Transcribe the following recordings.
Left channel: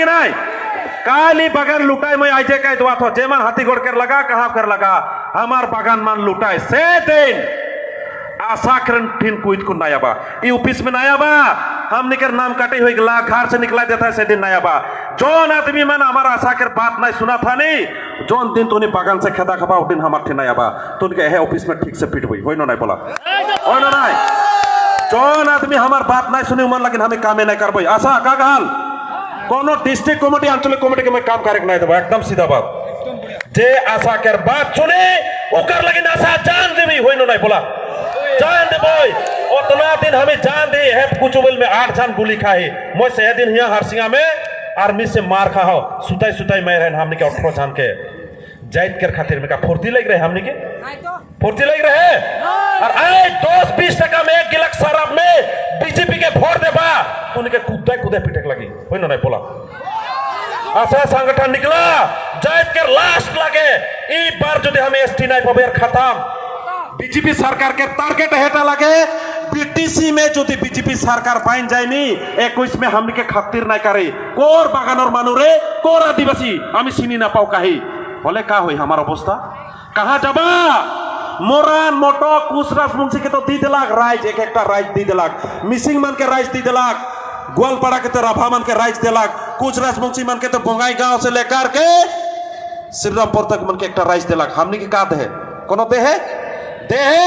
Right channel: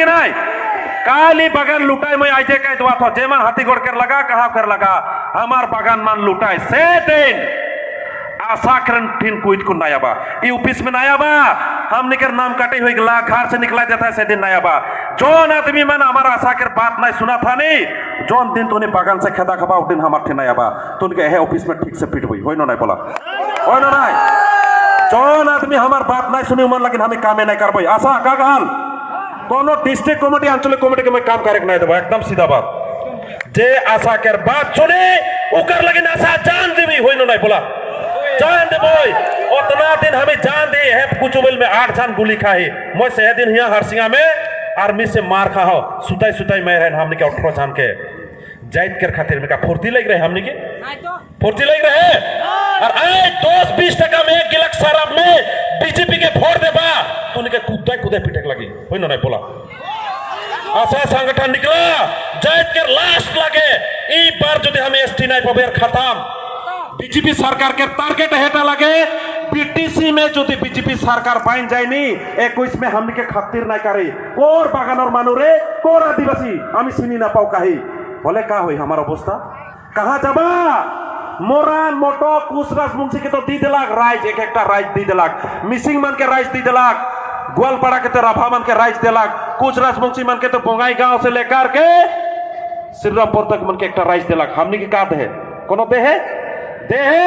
कि नहीं काली बगान लुटाई मैं आजे कह दुआ थो जेमन हाथीगढ़ कर लगा कहाँ कर लगा हमार बगान मान लुटाई से दिन आशा करन ठिन कुछ को नया बा ई ऑफिस में नया बा हमने कर नाम काटे हुए ला घर से निकला देता है से दिन नया बा जोन आदमी मन हमारा आशा कर बात नहीं सुना था नहीं जोन दिन तूने बगान से खेदा खबा दिन हमार ठे नया बा तो उनके है ऑफिस में ठीक से फिट हुई होई नहीं बोला होई नहीं जोन आदमी हमार बात नहीं सुने मन लेकिन हमें कामे नहीं कर पाई आशा का गाल कोनो डिस्ट्रिक्ट कमेटी आंचलिक कमेटी के मैं काम करे नहीं देबा एकदम सीधा बात जे आशा कर बात सुने ओकर लेकिन आशा जान देवी होई नहीं बोला जान दे बोय उतना दिन हमें जान दे है कुचुबल में 8 जान गोली खाए मैं से दिन यहाँ हरसिंगा में आर्मी से मार खा हो सुताई सुताई मैं रहन हमने के 18 जान के जाइत कर खातिर में का फुर्ती लग रहे हमने के फुर्ती लग रहे और आए 10-20% में 1 गिलास शराब में बीजेपी के वोट देबा तो उनके कूदे कूदे पिटक लगी होई नहीं बोला आशा संगठन निकला जाइत कर लास्ट लगे ई बार यदि हम एसटी नहीं पबेर खत्म बीजेपी सरकार के टारगेट हेटा लगे बीटीसी में जो बीजेपी सरकार पाइन जायनी 21 में हमने के खातिर नहीं करे कोर बागानर मानुरे कोर आदिवासी हमें सिनी ना पाओ कहीं बोले का हुई हमारा अवस्था कहाँ जाबा मोरान मोटो कुछ राजवंशी के तो दी दिलाक राइज एक एक राइज दी दिलाक मिसिंग मन के राइज दी दिलाक ग्वालपाड़ा के तो रफा मन के राइज दिलाक कुछ राजवंशी मन के तो बोगाई गांव से लेकर के श्रीरामपुर तक मन के एक राइज दिलाक हमने के का दे कोनो दे है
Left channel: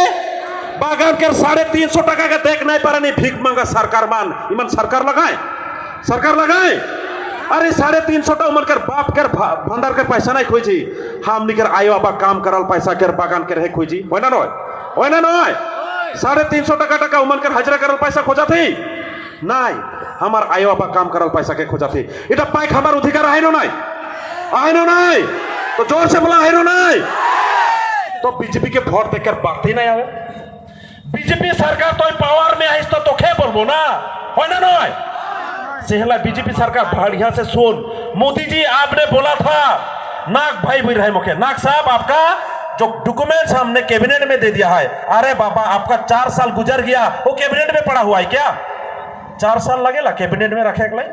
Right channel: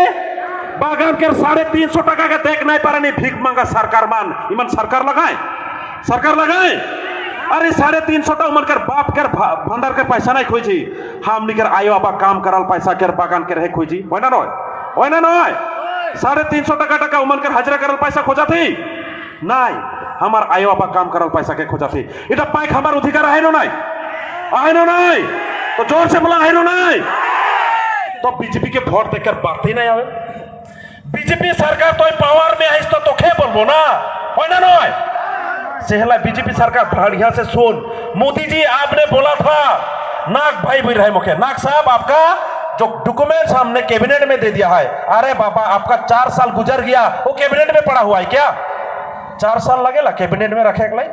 बागान के 350 टका के देख नहीं पारा नहीं भीख मंगा सरकार मान इमन सरकार लगाए अरे 350 टका उमन कर बाप कर भंडार के पैसा नहीं खोजी हम निकर आयो बाबा काम करल पैसा कर बागान के रहे खोजी होना नय 350 टका उमन कर हाजिरा करल पैसा खोजा थी नहीं हमार आयो बाबा काम करल पैसा के खोजा थी इटा पाइक हमार अधिकार है नहीं तो जोर से बोला है नहीं तो बीजेपी के वोट देकर बात ही नहीं आवे बीजेपी सरकार तो पावर में आई तो खे बोलबो ना होय ना नहीं सेहला बीजेपी सरकार बढ़िया से सुन मोदी जी आपने बोला था नाग भाई बोल रहे मुखे नाग साहब आपका जो डॉक्यूमेंट्स हमने कैबिनेट में दे दिया है अरे बाबा आपका 4 साल गुजर गया वो कैबिनेट में पड़ा हुआ है क्या 4 साल लगेला कैबिनेट में रखे के लिए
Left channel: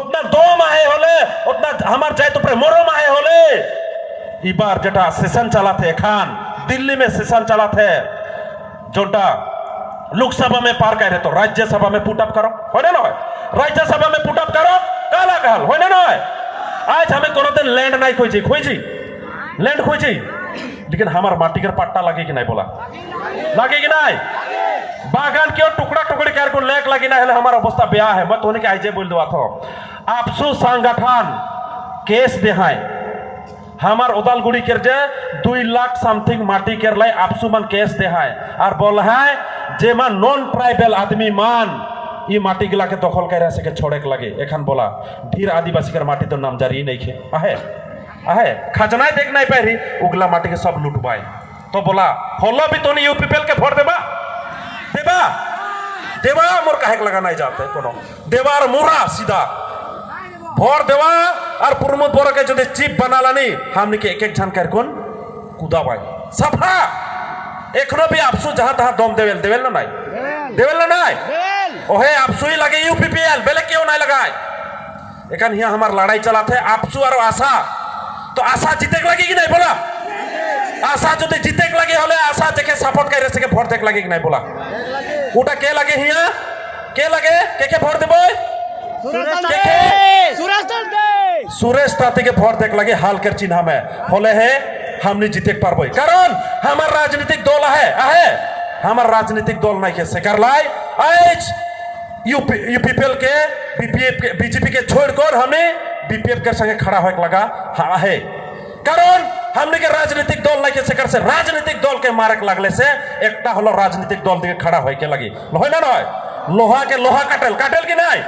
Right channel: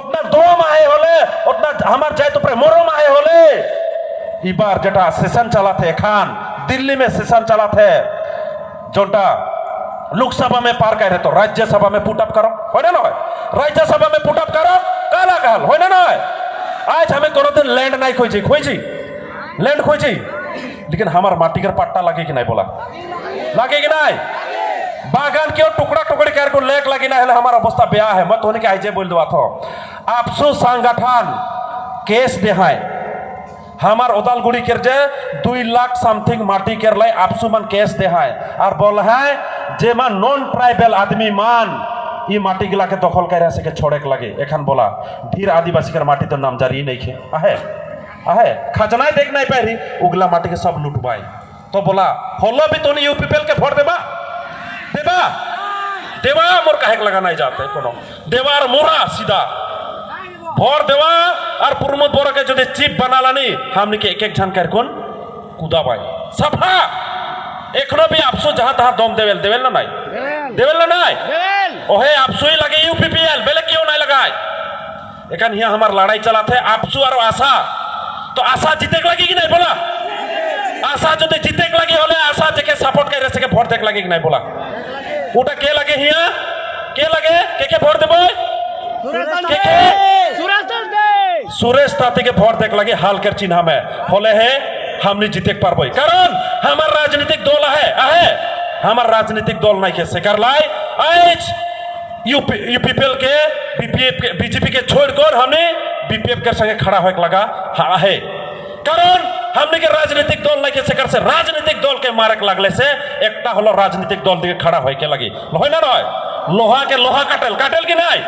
उतना 2 माहे होले उतना हमार जाए तो मोरो माहे होले ई बार जटा सेशन चला थे खान दिल्ली में सेशन चला थे जोटा लोकसभा में पार कर रहे तो राज्यसभा में पुटअप करो हो ना राज्यसभा में पुटअप करो काला कहल हो ना आज हमें कोनो दिन लैंड नहीं खोजी लैंड खोजी लेकिन हमार माटी कर पट्टा लगे कि नहीं बोला लगे कि नहीं बागान के टुकड़ा टुकड़ी कर को लेक लगी ना है हमारा अवस्था ब्याह है मत होने के आइजे बोल दो थो आपसो संगठन केस देहाय हमार उदालगुड़ी कर जे 2 लाख समथिंग माटी कर लाई आपसु मन केस दे है और बोल है जे मन नॉन ट्राइबल आदमी मान ये माटी गिला के दखल कर से के छोड़े के लगे एखन बोला ढेर आदिवासी कर माटी तो नामजारी नहीं खे आहे खजनाई देख नहीं पाई रही उगला माटी के सब लुटवाई तो बोला होलो भी तो नहीं यूपीपीएल के वोट देवा मोर कहे लगा नहीं जाते कोनो देवार मोरा सीधा भोर देवा और प्रमोद बोरा के जो चीफ बना लानी हमने के एक जन कर कौन कूदा भाई सफा एखनो भी आपसु जहां तहां दम देवेल ना नहीं ओहे आपसु ही लगे यूपीपीएल बेले क्यों नहीं लगाए एखन यहाँ हमार लड़ाई चला थे आपसु और आशा तो आशा जीते के लगी कि नहीं बोला आशा जो जीते के लगे होले आशा देखे सपोर्ट कर सके वोट देख लगे कि नहीं बोला उटा के लगे हिया के लगे के वोट देबो सुरेश ताती के वोट देख लगे हाल कर चिन्ह में होले है हमने जीते पारबो कारण हमार राजनीतिक दल है हमार राजनीतिक दल नहीं के कर लाई आज यूपीपीएल के बीजेपी के छोड़कर हमने बीपीएफ के संगे खड़ा होके लगा है कारण हमने के राजनीतिक दल नहीं के सेकर से राजनीतिक दल के मारक लगले से एकटा हलो राजनीतिक दल दिखे खड़ा होके लगी होय ना लोहा के लोहा काटेल की नहीं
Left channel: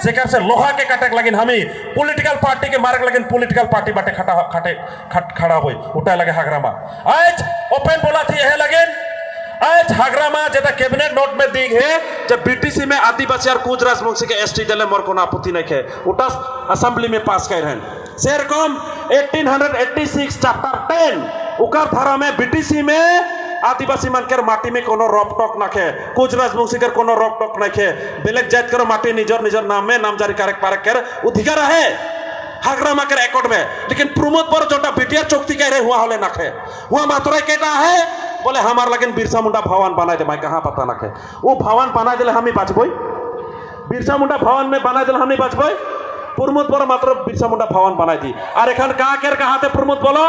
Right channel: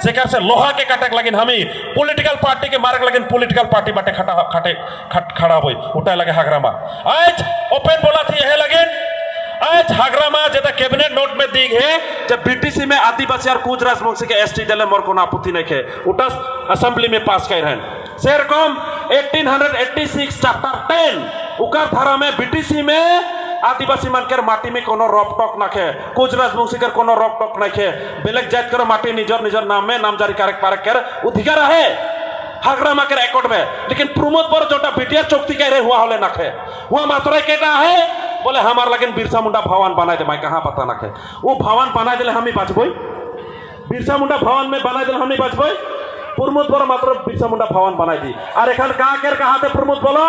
सेकर से लोहा के काटे लगिन हमी पॉलिटिकल पार्टी के मारक लगिन पॉलिटिकल पार्टी बाटे खड़ा होई उठाए लगे हगरामा आज ओपन बोला थी यह लगिन आज हगरामा जेता कैबिनेट नोट में दी है जब बीटीसी में आदिवासी और कुछ राजवंशी के एसटी दले मोर को आपत्ति नहीं है उटा असेंबली में पास कर हैं सेरकम 1886 चैप्टर 10 उकर धारा में बीटीसी में आदिवासी मानकर माटी में कोनो रॉक टॉक नाखे कुछ राजवंशी कर कोनो रॉक टॉक नाखे बेलेग जात कर माटी निजर निजर नाम में नामजारी कारक पारक कर अधिकार है हागड़ा माकर एकट में लेकिन प्रमोद पर जोटा बिटिया चौकती कह रहे हुआ होले नाखे हुआ मात्रा केटा है बोले हमार लगन बिरसा मुंडा भवन बनाए दे मैं कहाँ पता नाखे वो भवन बनाए दिले हम ही बाँचबई बिरसा मुंडा भवन में बनाए दिले हम ही बाँचबई प्रमोद पर मात्र बिरसा मुंडा भवन बनाई दी और एखान कहाते प्रमोद बोलो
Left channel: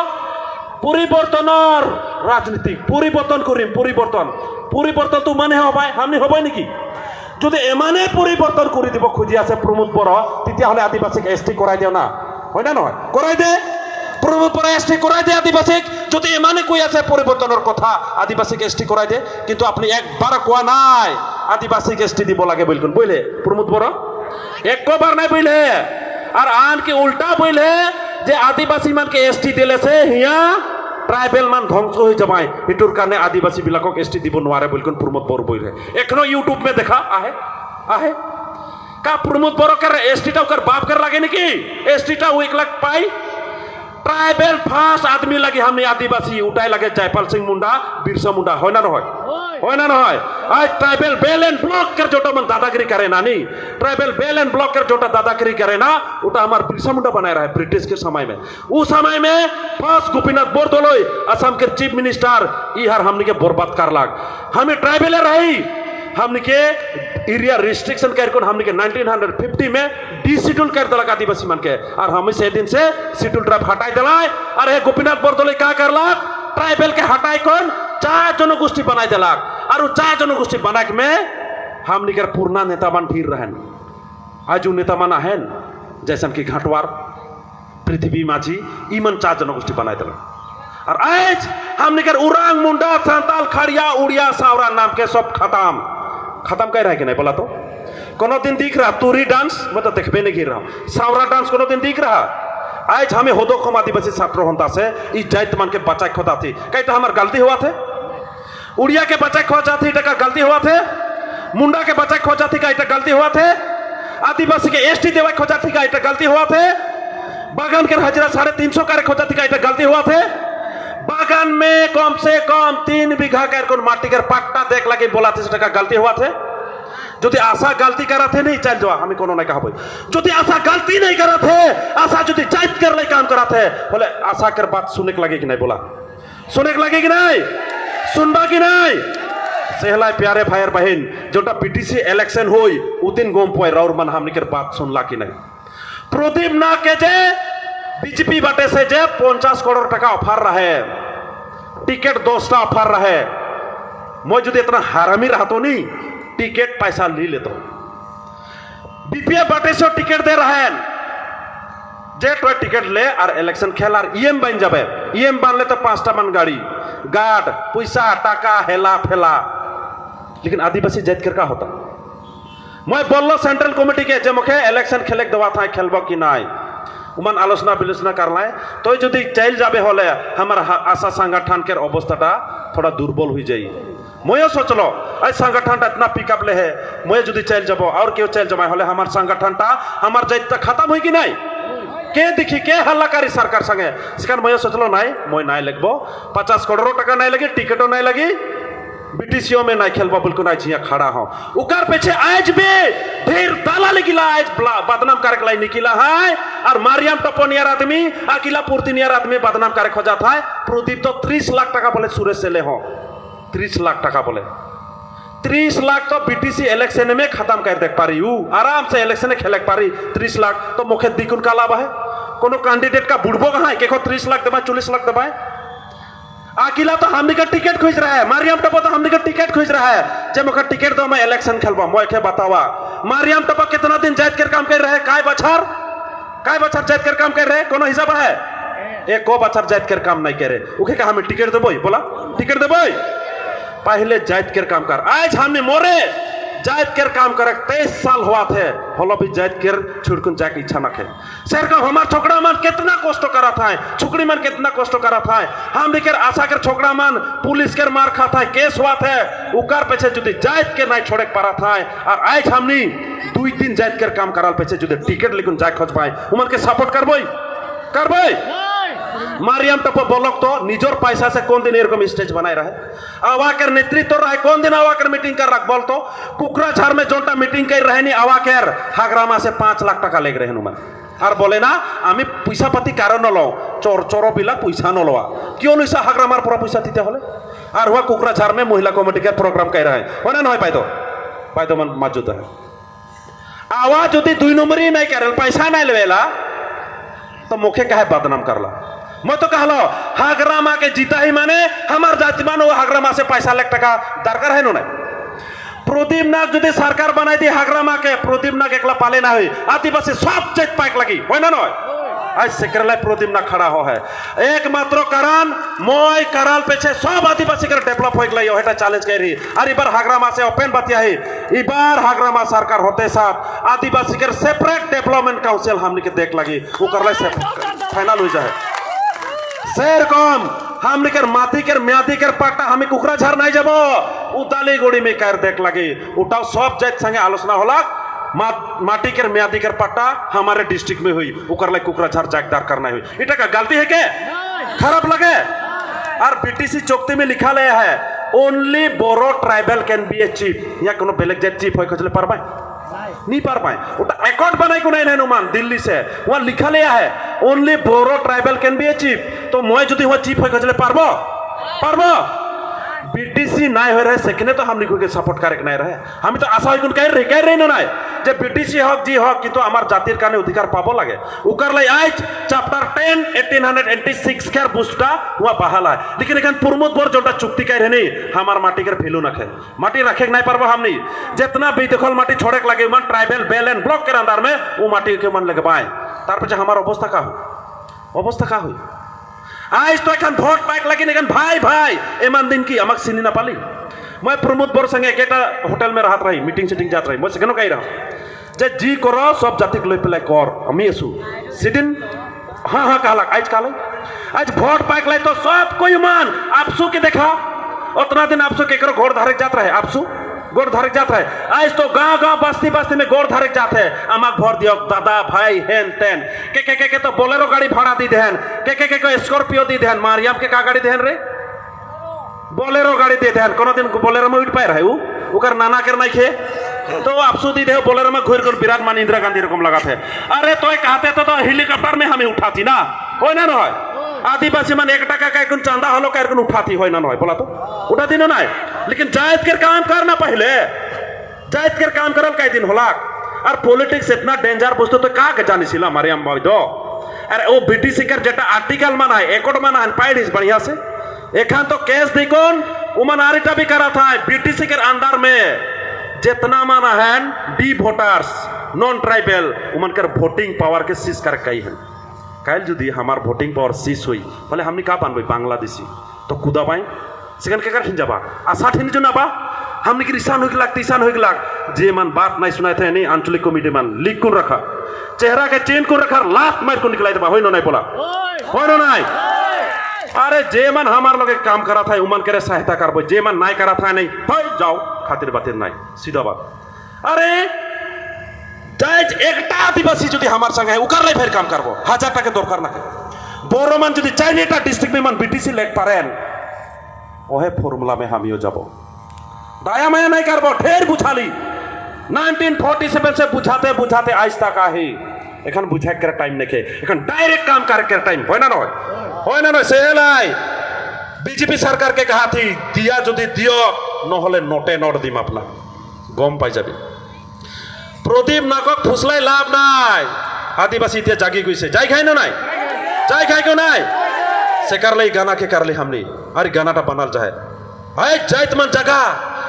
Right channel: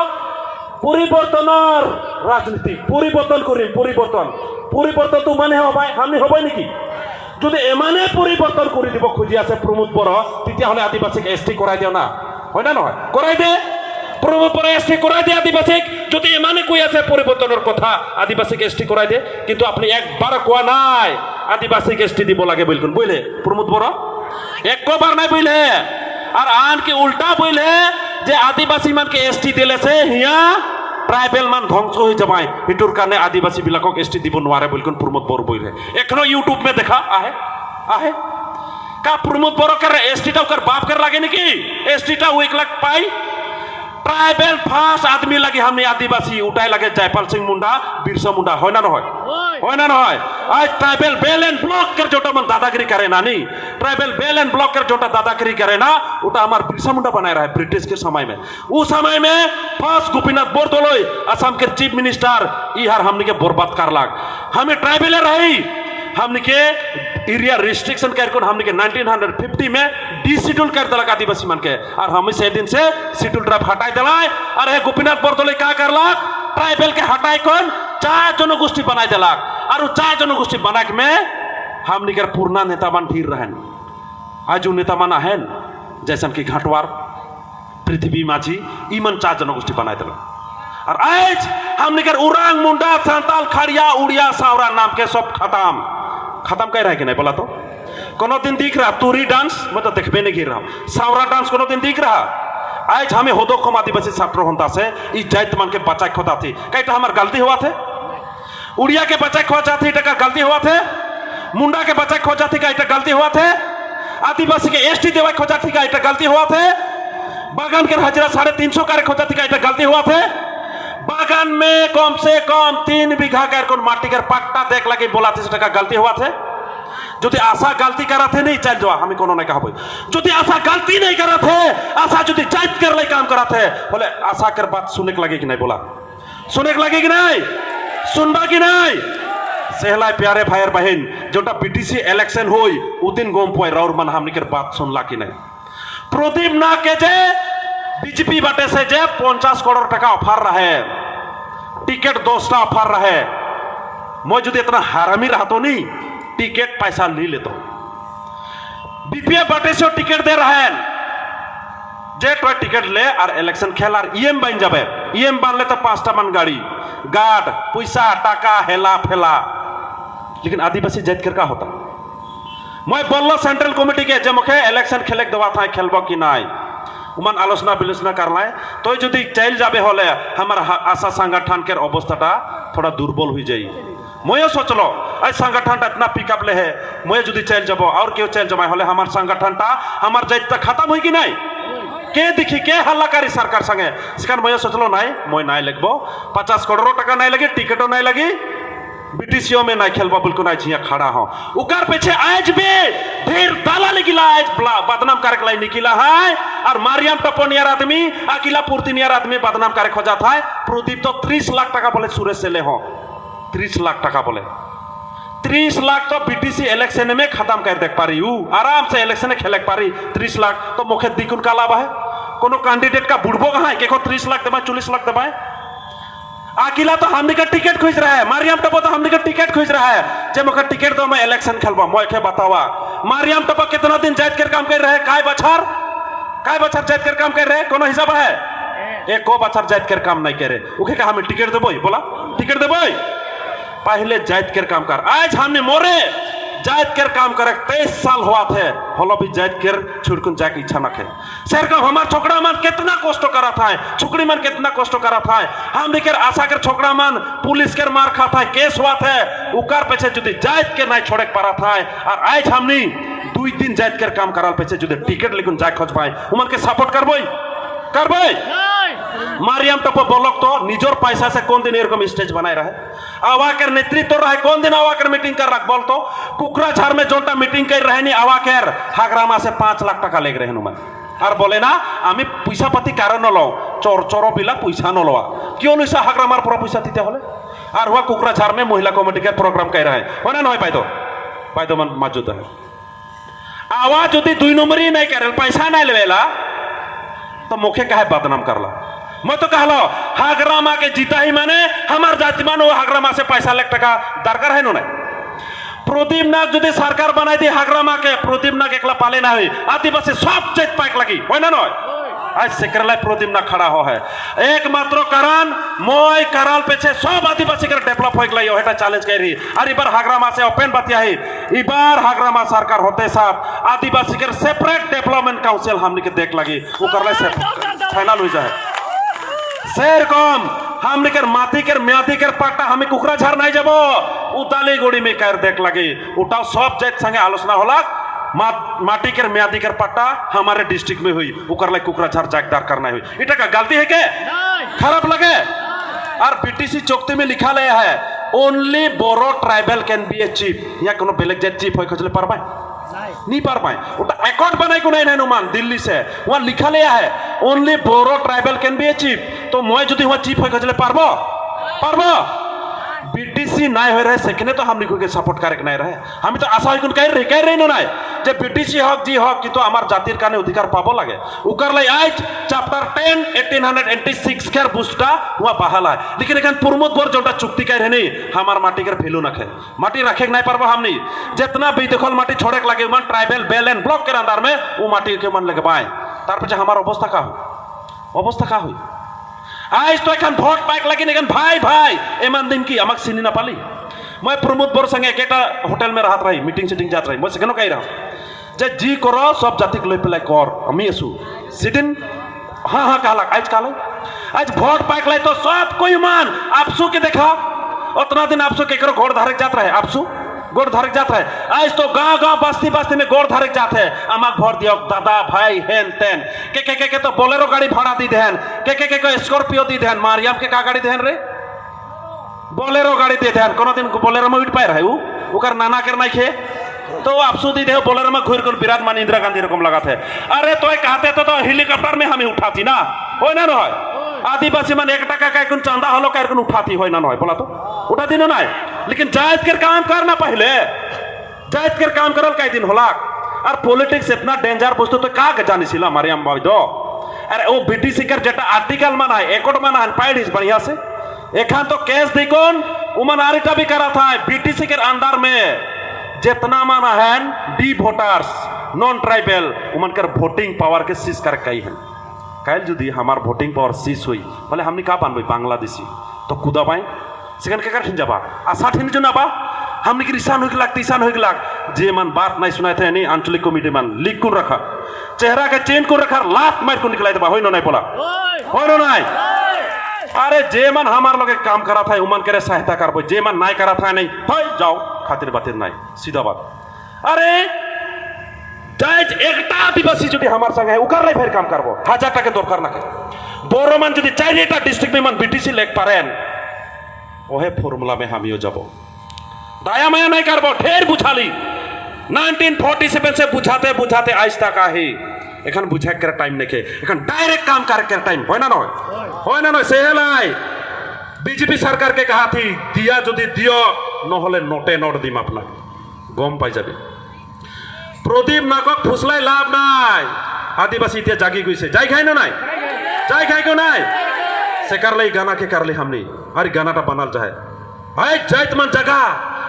পরিবর্তনের রাজনীতি পরিবর্তন করিম পরিবর্তন তো মানে হবাই আমি হবাই নাকি যদি এমানে পরিবর্তন করে দিব খুঁজি আছে প্রমোদ বড় তেতিয়াহলে আদিবাসীক এসটি করাই দিও না হয় না নহয় করাই দে প্রমোদ বড় এসটি করাই দে আদিবাসীক যদি এমানে কই আছে পরিবর্তনের কথা আদিবাসীক এসটি করাই দে কিন্তু আপনি একবার কোয়া নাই আদিবাসীক এসটি দিব লাগে বলকুন বইলে প্রমোদ বড় একবার নাই বইলে আর আন কি উল্টা বইলে যে আদিবাসী মানকে এসটি দিলে সে হিয়া ট্রাইবেল মান ধ্বংস হয়ে যাবাই এটুর কারণে আদিবাসী বিলাকক এসটি দিব নোৱাৰে বলকুন প্রমোদ বড় বইলে এখনো ইউটিউব में দেখা आहे का प्रमोद बड़ो कर एसटीटा कर बाप कर लागे नाकि एसटीटा 1 लाख पाई ट्राइबल फास्ट आदमी लगे हमने आदिवासी उठाई लगे जयपाल सिंह मुंडा बिरसा मुंडा হয় না নহয় आज ट्राइबल बेल एंड ब्लॉक कर जोटा मन दादागिरी करे ना नहीं ट्राइबल बेल एंड ब्लॉक कर जोटा दादागिरी करे ना उटा हमार बिरसा मुंडा बनाए रहा है ब्रिटिश के समय में उस समय में फास्ट गोपीनाथ बोरदोलोई असम के चीफ मिनिस्टर इहार हमने के बर्बाद कर लाग हमें ट्राइबल रही हमने के एरिया रिस्ट्रिक्शन कर हमने के 1950 में डिशिड्यूल कर दिला आदिवासी मन के और हम से दिन से शिड्यूल ड्राइव हटाई दिलाय और हे गोपीनाथ बोरदोलोई का करला ट्राइबल के हटाई कौन 4 जनगोष्ठी बनाई दिला और 4 जनगोष्ठी बना के में हमने के पूर्णा नेता मन फिर रहन आज नेता मन आहन जैसन की घाटवार पृथ्वी माझी इमन 4 जनगोष्ठी बनाई दिला और आज हमने के उरांग मुंडा सांताल खड़िया उड़िया सावरा नाम के सब खत्म कह रहा है कि नहीं बोला तो कोनो दिन दिख रहा तुरी डांस मतलब देखबे नहीं गिर रहा सावरा डांस कोनो दिन दिख रहा आज हमें होदो कम आदिवासी छात्र होता से इस जात मन के बच्चा खोदा थी कईटा हमार गलती हुआ थे उड़िया के बच्चा खोजा थी टका गलती हुआ थे मुंडा के बच्चा खोजा थी कईटा गलती हुआ थे आदिवासी के एसटी देवा खोजा थी कईटा गलती हुआ थे बागान के हजरा 350 का खोजा थी कईटा गलती हुआ थे बागान में कम से कम 3 बीघा कर माटी कर पट्टा देख लगे बोला थे टका गलती हुआ थे जो आशा गलती करा थे नहीं चल जाओ हमें कोनो नहीं कहा जो आशा गलती नहीं करा थे आशा जो जाइत कर ले काम करा थे बोले आशा कर बात सुनने के लगे कि नहीं बोला सुनने के लगे कि नहीं सुनबा कि नहीं सेहला प्यारे भाई बहन जोटा पीटीसी इलेक्शन हुई उ दिन गोम पोए राउर मन हमने कर बात सुनला कि नहीं प्रदीप ना के जे बीजेपी बाटे से जे 50 करोड़ टका ऑफर रहे टिकट 2टा ऑफर रहे मैं जो इतना हरामी रहा तो नहीं टिकट पैसा ले लेते बीपीएफ बाटे से टिकट दे रहा है जे तो टिकट ले और इलेक्शन खेल और ईएम बन जाबे ईएम बन ले तो 5टा मन गाड़ी गार्ड पैसा टाका हेला फेला लेकिन आदिवासी जात कर का होता मैं बोलो सेंट्रल कमिटी के जे मुखे इलेक्शन खेले दवा था खेलबो कि नहीं उमान आलोचना विलोचना करलाय तो जो चल जाबे होले हमार आशा संगठन के अवस्था थोड़ा दुर्बल हो जाई मैं सोचलो ऐ संगठन इतना पिकअप ले है मैं जो चल जब और क्यों चल जमा होले हमार संगठन हमार जाइत खत्म हुई कि नहीं के देखी के हल्ला करी सरकार संगे सिकान मैं सोचलो नहीं मैं नहीं लगबो 50 करोड़ टका नहीं लगी टिकटो नहीं लगी बीटीसीओ में नहीं खेलबा बिल्कुल नहीं छिया खड़ा हो उकर पीछे आज भी ढेर दाला निकला आज बदनाम करके लाई निकला है और मारियम टपोनियर आदमी अकेला पूर्तिनियर आदमी बदनाम करे खोजा था प्रदीप तो 30 लाख टका बोले सुरेश से ले हो 30 लाख टका बोले 30 लाख तो बीटीसी इलेक्शन में खत्म कर देख पारी आराम से इलेक्शन खेले पारी 30 लाख तो मुखे दिकुन का लाभ है कोनो कैंडिडेट का बुढ़बो कहाँ है के 30 लाख दबाए 40 लाख दबाए अकेला तो हमने का टिकट खोज रहा है मारियम टपा तो हमने का टिकट खोज रहा है जब मुझे टिकट दो मैं इलेक्शन खेलवा मैं के बतावा मारियम टपा कितना दिन जाइत कर काम कर रहे हैं काय बछर जाइत कर काम कर रहे हैं कोनो हिसाब है एक को बछर जाइत कर काम नहीं करे उखे का हमें टिकट देबो बोला टिकट देबो पहले जाइत कर काम कर आज हमने मोरे जाइत कर काम करे 23 साल हुआ थे होलो भी जाइत कर छुड़कुन जाके इच्छा न खे सर का हमार छोकरा मन कितना कष्ट करा था छुकड़ी मन कितना कष्ट करा था हम भी कर आशा कर छोकरा मन पुलिस कर मार खा था केस हुआ थे उकार पीछे जुदी जाइत के नहीं छोड़े पड़ा था और आज हमनी 2 दिन जाइत कर काम कराल पीछे जुदी टिकट लेकिन जाए खोज पाए उमन के सपोर्ट करबो कर भाई मारियम टप्पो बोलक तो निजोर पैसा से कौन दिन एरकम स्टेज बनाए रहे आवाकर नेतृत्व रहे कौन दिन आवाकर मीटिंग कर रख बोल तो कुकराझार में जोटा मीटिंग कर रहे नहीं आवाकर हागरामा से 5 लाख टका लेग रहे नुमान और बोले ना आमी पैसा पाती कारण न लो चोर चोरो पिला पैसा न लवा क्यों लैसा हागरामार पूरा पैसा दीते होले और हुआ कुकराझार में महिला कमिटी के प्रोग्राम कर रहे हैं होना नहीं पाइतो मन मौजूद है आवाज यदि 2 नंबरी नहीं करे पैसा नहीं लेवेला तो मुखे कहे बदनाम करला मैं तो कहलो हागरामा के जीता ही माने हमार जाति मानो हागरामा से पैसा लाख टका दरकार है नो प्रदीप नाग जो सरकार बनाई थी हागरामा के प्रदीप नाग एकला पाले ना हुई आदिवासी सब चेक पाक लगी हो ना आज सेकरला प्रदीप नाग खड़ा हो है एकमात्र कारण मोय कराल पेछे सब आदिवासी कर डेवलप हो गई है चैलेंज कर रही और इबार हागरामा से ओपन बतिया है इबार हागरामा सरकार होते साथ आदिवासी कर सेपरेट डेवलपमेंट काउंसिल हमने के देख लगी वो करला से फाइनल हो जाए शेर कम हमने कर माती कर म्यादी कर पाटा हमें कुकराझार नहीं जाबो उदाली गोड़ी में कर देख लगी उठाओ सब जात संगे आलोचना होला माटी कर म्यादी कर पाटा हमारे डिस्ट्रिक्ट में हुई उकर ले कुकराझार जागदार करना हुई इटा का गलती है के खराब लगे और बीटीसी चौकती में लिखा ले है only Boro tribal can be a chief या कोनो बेलेग जात चीफ होय खजले पारबाय नहीं पार पाए उटा अकॉर्ड बनाई को नहीं नुमान दिल्ली से वहां लिखा लिया है only Boro tribal can be a chief तो मैं जो वहां चीफ हो खजले पारबो बीटीसी नहीं हो रहे सेकने तो हम निको के सपोर्ट करे नहीं रहे हम तो आशा होई कह रही ना जे बीटीसी हक जी हक कि तो हमार जातिर काने अधिकार पाबो लागे उकर ले आज चैप्टर 10 1886 के बुस्टा हुआ बहाल है लेकिन एखन प्रमोद बोर जोटा चुक्ति कह रहे नहीं हमार माटी कर भेलू नखे माटी रखे नहीं पारबो हम नहीं जितना बेदखल माटी छोड़े के लगे मन ट्राइबल बेल एंड ब्लॉक के अंदर में वो माटी के मन लगे बाय तार पछे हमार अवस्था का हुई आज तो एखन भोट पाक लगी लेकिन भाई एमान दिन की आमक चिनी ना पाली मैं प्रमोद बोर संगे एक होटल में रहत रही मीटिंग सेटिंग जात रही मैं सेकेनो कही रहा जे जी करो सब जाति लै पेले कर हमी एसु सिदिन हाँ कहला आज भोट पाक लै तो सब कोई मान आपसू के देखा उतना दिन आपसू के करो घोड़ धारक जात रहे आपसू गोड़ धारक जात है आज तो गांव बस्ती में गोड़ धारक जात है आमाक भोट दियो दादा भाई हेन तेन के तो बोलेरो गाड़ी भाड़ा दी देहन के स्कॉर्पियो दी देहन मारियम के का गाड़ी देहन रे बोलेरो गाड़ी दे देहन कोनो दिन बोलेरो में उठ पाए रहे उकर नाना कर नहीं खे तो आपसू दी दे बोलेरो में घुर कर विराजमान इंदिरा गांधी रकम लगा थे अरे तो कहते तो हेलीकॉप्टर में हमें उठाती ना हो ना ना आदिवासी मन 1 टका का कुन चंदा हलो का कुन उठाती हो ना बोला तो उठाती ना लेकिन जायज कर काम करना पहले जायज कर काम करल कई दिन होला और पॉलिटिक्स इतना डेंजर वस्तु तो का जानी सिला हमारे हम भाई दो अरे वो बीटीसी कर जेटा आर्टिकल माना है एकड़ माना है पाइड इस बढ़िया से एखान तो केस दी कौन उमन आरिटा भी करा था बीटीसी के अंदर में जितना माना है डी वोटर्स नॉन ट्राइबल उमन कर वोटिंग पावर के सीज कर कई है कल जुदी हमार वोटिंग पावर सीज हुई बोले हमने का बानबे बांग्लादेशी तो कुदा पाई सेकंड के कर जाबा आशा ठिन जो नाबा हमने की ईशान हो लाख तीसान हो लाख जे मन बात नहीं सुनाए थे नहीं आंचलिक कमिटी मन लिख को रखा चेहरा के चेन को रखा लात मार को निकला दबा होइनो नहीं बोला होइनो नहीं अरे जे मन हमार लोग काम करा था उमन करे सहायता करबो जे मन नहीं करा था नहीं होय जाओ खातिर बातिर नहीं सीधा बात अरे जायज एकटा आदिवासी जो हमार संग है उकर फिर काम करबो 1000 टका दरकार ना के बोरो मन जो 4टा डिस्ट्रिक्ट में मन बीटीसी लेक पारेन ओहे फॉर्मूला में हमियो जाबो दाया माया नहीं करबो ढेर बुझाली 1947 से बुझाते आज तक आहे एखन बुझा कर टाइम नेके एखन डायरेक्ट काम कर टाइम होय ना सेहलाई बीजेपी सरकार के कहा थी दिया जदि दियो न होले नोटे नोट दिम अपना गम पाई जाबे प्रदीप नाকক फुसलाई लाभ নাই आदिवासी इतिहास जागी गई जाई खाई को নাই से कर ले गाना के कर ले हमने अरे गाना टा बनल जाए हाय जाइत मन जगह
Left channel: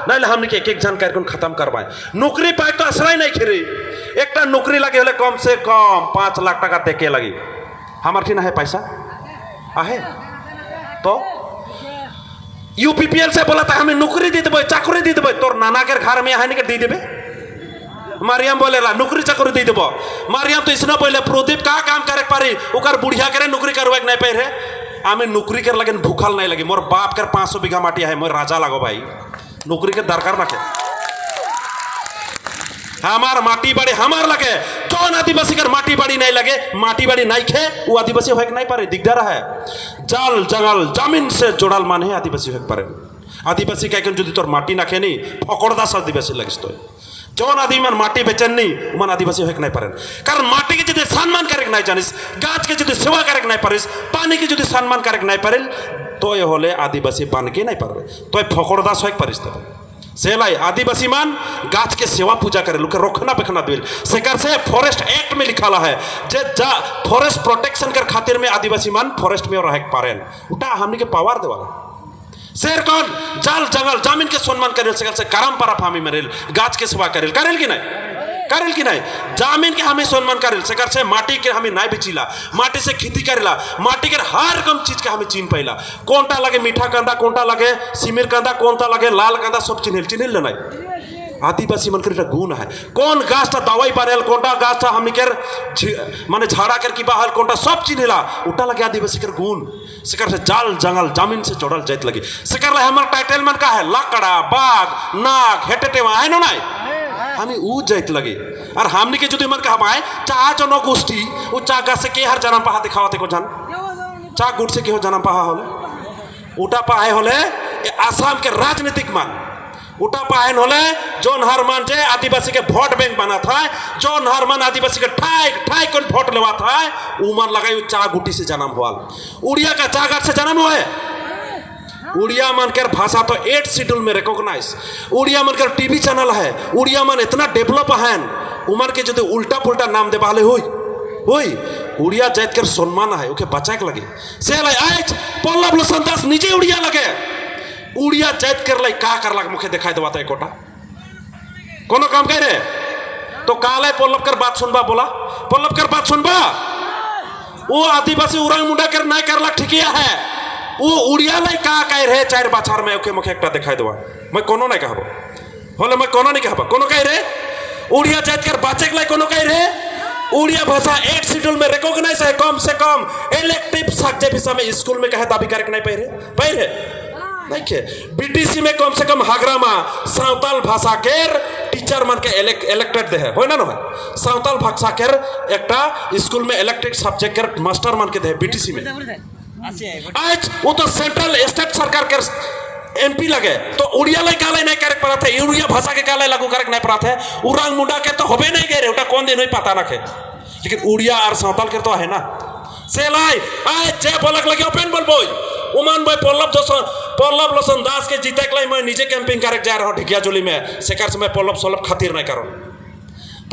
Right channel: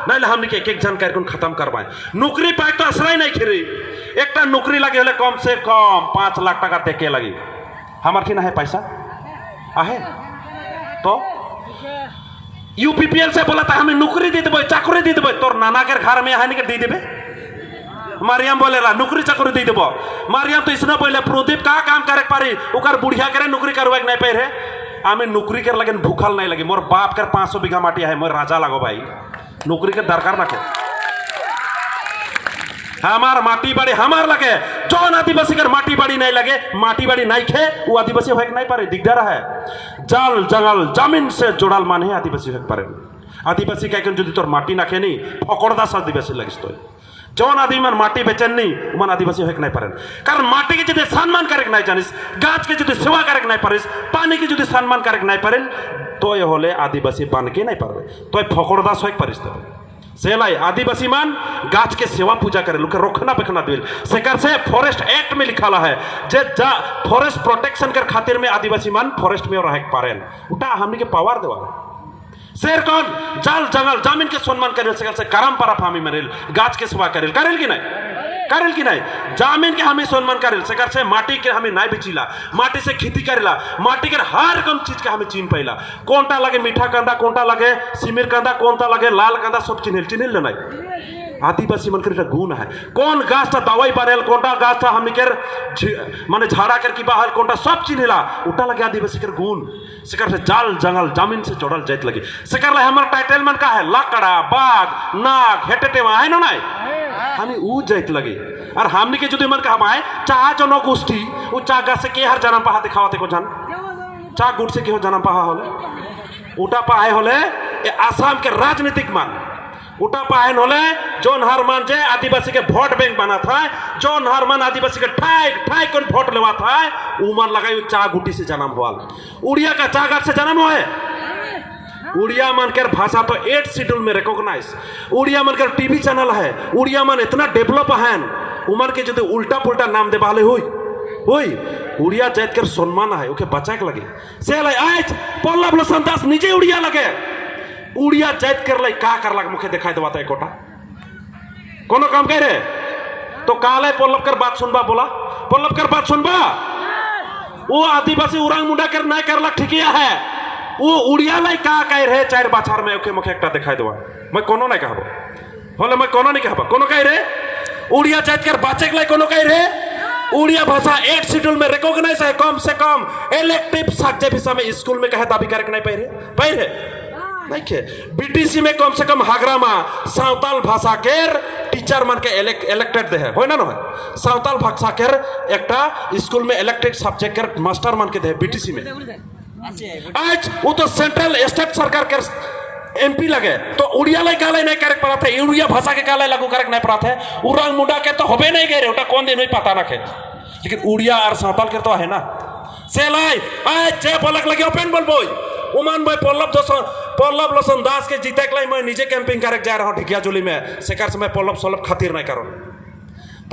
नहीं हमने के एक जन कर खत्म करवाए नौकरी पाए तो आश्रय नहीं खिरी एक नौकरी लगे होले कम से कम 5 लाख टका देके लगी हमार ठिन है पैसा आहे तो यूपीपीएल से बोला था हमें नौकरी दी देबे चाकरी दी देबे तोर नाना के घर में है दी देबे मारियम बोलेला नौकरी चाकरी दी देबो मारियम तो इसना बोले प्रदीप का काम करे पारी ओकर बुढ़िया करे नौकरी करवे नहीं पाए रे आमे नौकरी कर लगे भूखल नहीं लगी मोर बाप कर 500 बीघा माटी है मोर राजा लगो भाई नौकरी के दरकार ना के हमार माटी बाड़ी हमार लगे जौन आदिवासी कर माटी बाड़ी नहीं लगे माटी बाड़ी नहीं खे वो आदिवासी होक नहीं पारे दिगदार है जल जंगल जमीन से जोड़ाल माने आदिवासी होक पारे आदिवासी क्या जो तोर माटी ना खेनी फकड़दास आदिवासी लगिस तो जौन आदमी मन माटी बेचेन नहीं मन आदिवासी होक नहीं पारे कारण माटी के जो सम्मान करे नहीं जानिस गाछ के जो सेवा करे नहीं पारिस पानी के जो सम्मान करे नहीं पारे तो ये होले आदिवासी बन के नहीं पारे तो फकड़दास होक पारिस तो सेलाई आदिवासी मान गाछ के सेवा पूजा करे लोग रोकना बेखना दिल सेकर से फॉरेस्ट एक्ट में लिखा है जे जा फॉरेस्ट प्रोटेक्शन कर खातिर में आदिवासी मान फॉरेस्ट में रह पारेन उटा हमनी के पावर देवा शेर कौन जल जंगल जमीन के सम्मान करेल सेकर से करम पारा फामी मरेल गाछ के सेवा करेल करेल कि नहीं जमीन के हमें सम्मान करेल सेकर से माटी के हमें नहीं बेचिला माटी से खेती करेला माटी के हर कम चीज के हमें चिन्ह पैला कोनटा लगे मीठा कंदा कोनटा लगे सिमिर कंदा कोनटा लगे लाल कंदा सब चिन्हिल नहीं आदिवासी मन कर गुण है कौन गाछटा दवाई बनेल कोनटा गाछटा हम के माने झाड़ा कर की बाहर कोनटा सब चिन्हिला उटा लगे आदिवासी कर गुण सेकर से जल जंगल जमीन से जोड़ल जात लगी सेकर ला हमर टाइटल मन का है लकड़ा बाघ नाग हेटेटेवा है ना नहीं हमें ऊ जात लगे और हमने के जो मन कहा है चाह जनगोष्ठी वो चाह गाछ से के हर जन्म पहा दिखावते को जान चाह गुट से के हो जन्म पहा होले उटा पाए होले आसाम के राजनीतिक मान उटा पाहन होले जोन हर मान जे आदिवासी के वोट बैंक बना था जोन हर मान आदिवासी के ठाई कौन वोट लेवा था उमर लगाई चाह गुटी से जन्म हुआ उड़िया का चाह गाछ से जन्म हुए उड़िया मन के भाषा तो 8 शेड्यूल में रिकॉग्नाइज उड़िया मन के टीवी चैनल है उड़िया मन इतना डेवलप है उमर के जो उल्टा पुल्टा नाम दे बाले हुई उड़िया जात कर सम्मान है ओके बचा के लगे से आज पल्लव लोचन दास निजे उड़िया लगे उड़िया जात कर लाई का कर लग मुखे दिखाई देवाता है कोटा कोनो काम कह रहे तो काले पल्लव कर बात सुनबा बोला पल्लव कर बात सुनबा वो आदिवासी उरांग मुंडा कर नहीं कर लग ठीक है वो उड़िया लाई का कह रहे 4 बाछार में ओके मुखे एकटा दिखाई देवा मैं कोनो नहीं कहबो होले मैं कोनो नहीं कहबो कोनो कह रहे उड़िया जात कर बाचे के लाई कोनो कह रहे उड़िया भाषा 8 शेड्यूल में रिकॉग्नाइज है कम से कम इलेक्टिव सब्जेक्ट हिस्सा में स्कूल में कहे दाबी करके नहीं पढ़े नहीं के बीटीसी में कम से कम हागरामा सावताल भाषा के टीचर मन के इलेक्टेड दे है ना सावताल भाषा के एकटा स्कूल में इलेक्टेड सब्जेक्ट के मास्टर मन के दे बीटीसी में आज वो तो सेंट्रल स्टेट सरकार के एमपी लगे तो उड़िया लाई काले नहीं करे पड़ा था उड़िया भाषा के काले लागू करे नहीं पड़ा था उरांग मुंडा के तो होबे नहीं गए उटा कौन दिन पता ना खे लेकिन उड़िया और सावताल के तो है ना से लाई जे बोलक लगे ओपन बोल बोई उमान भाई पल्लव लोचन दास के जीते के लिए मैं निजे कैंपिंग करे जा रहा हूँ ढिकिया जोली में सेकर से मैं पल्लव सोलभ खातिर नहीं करूँ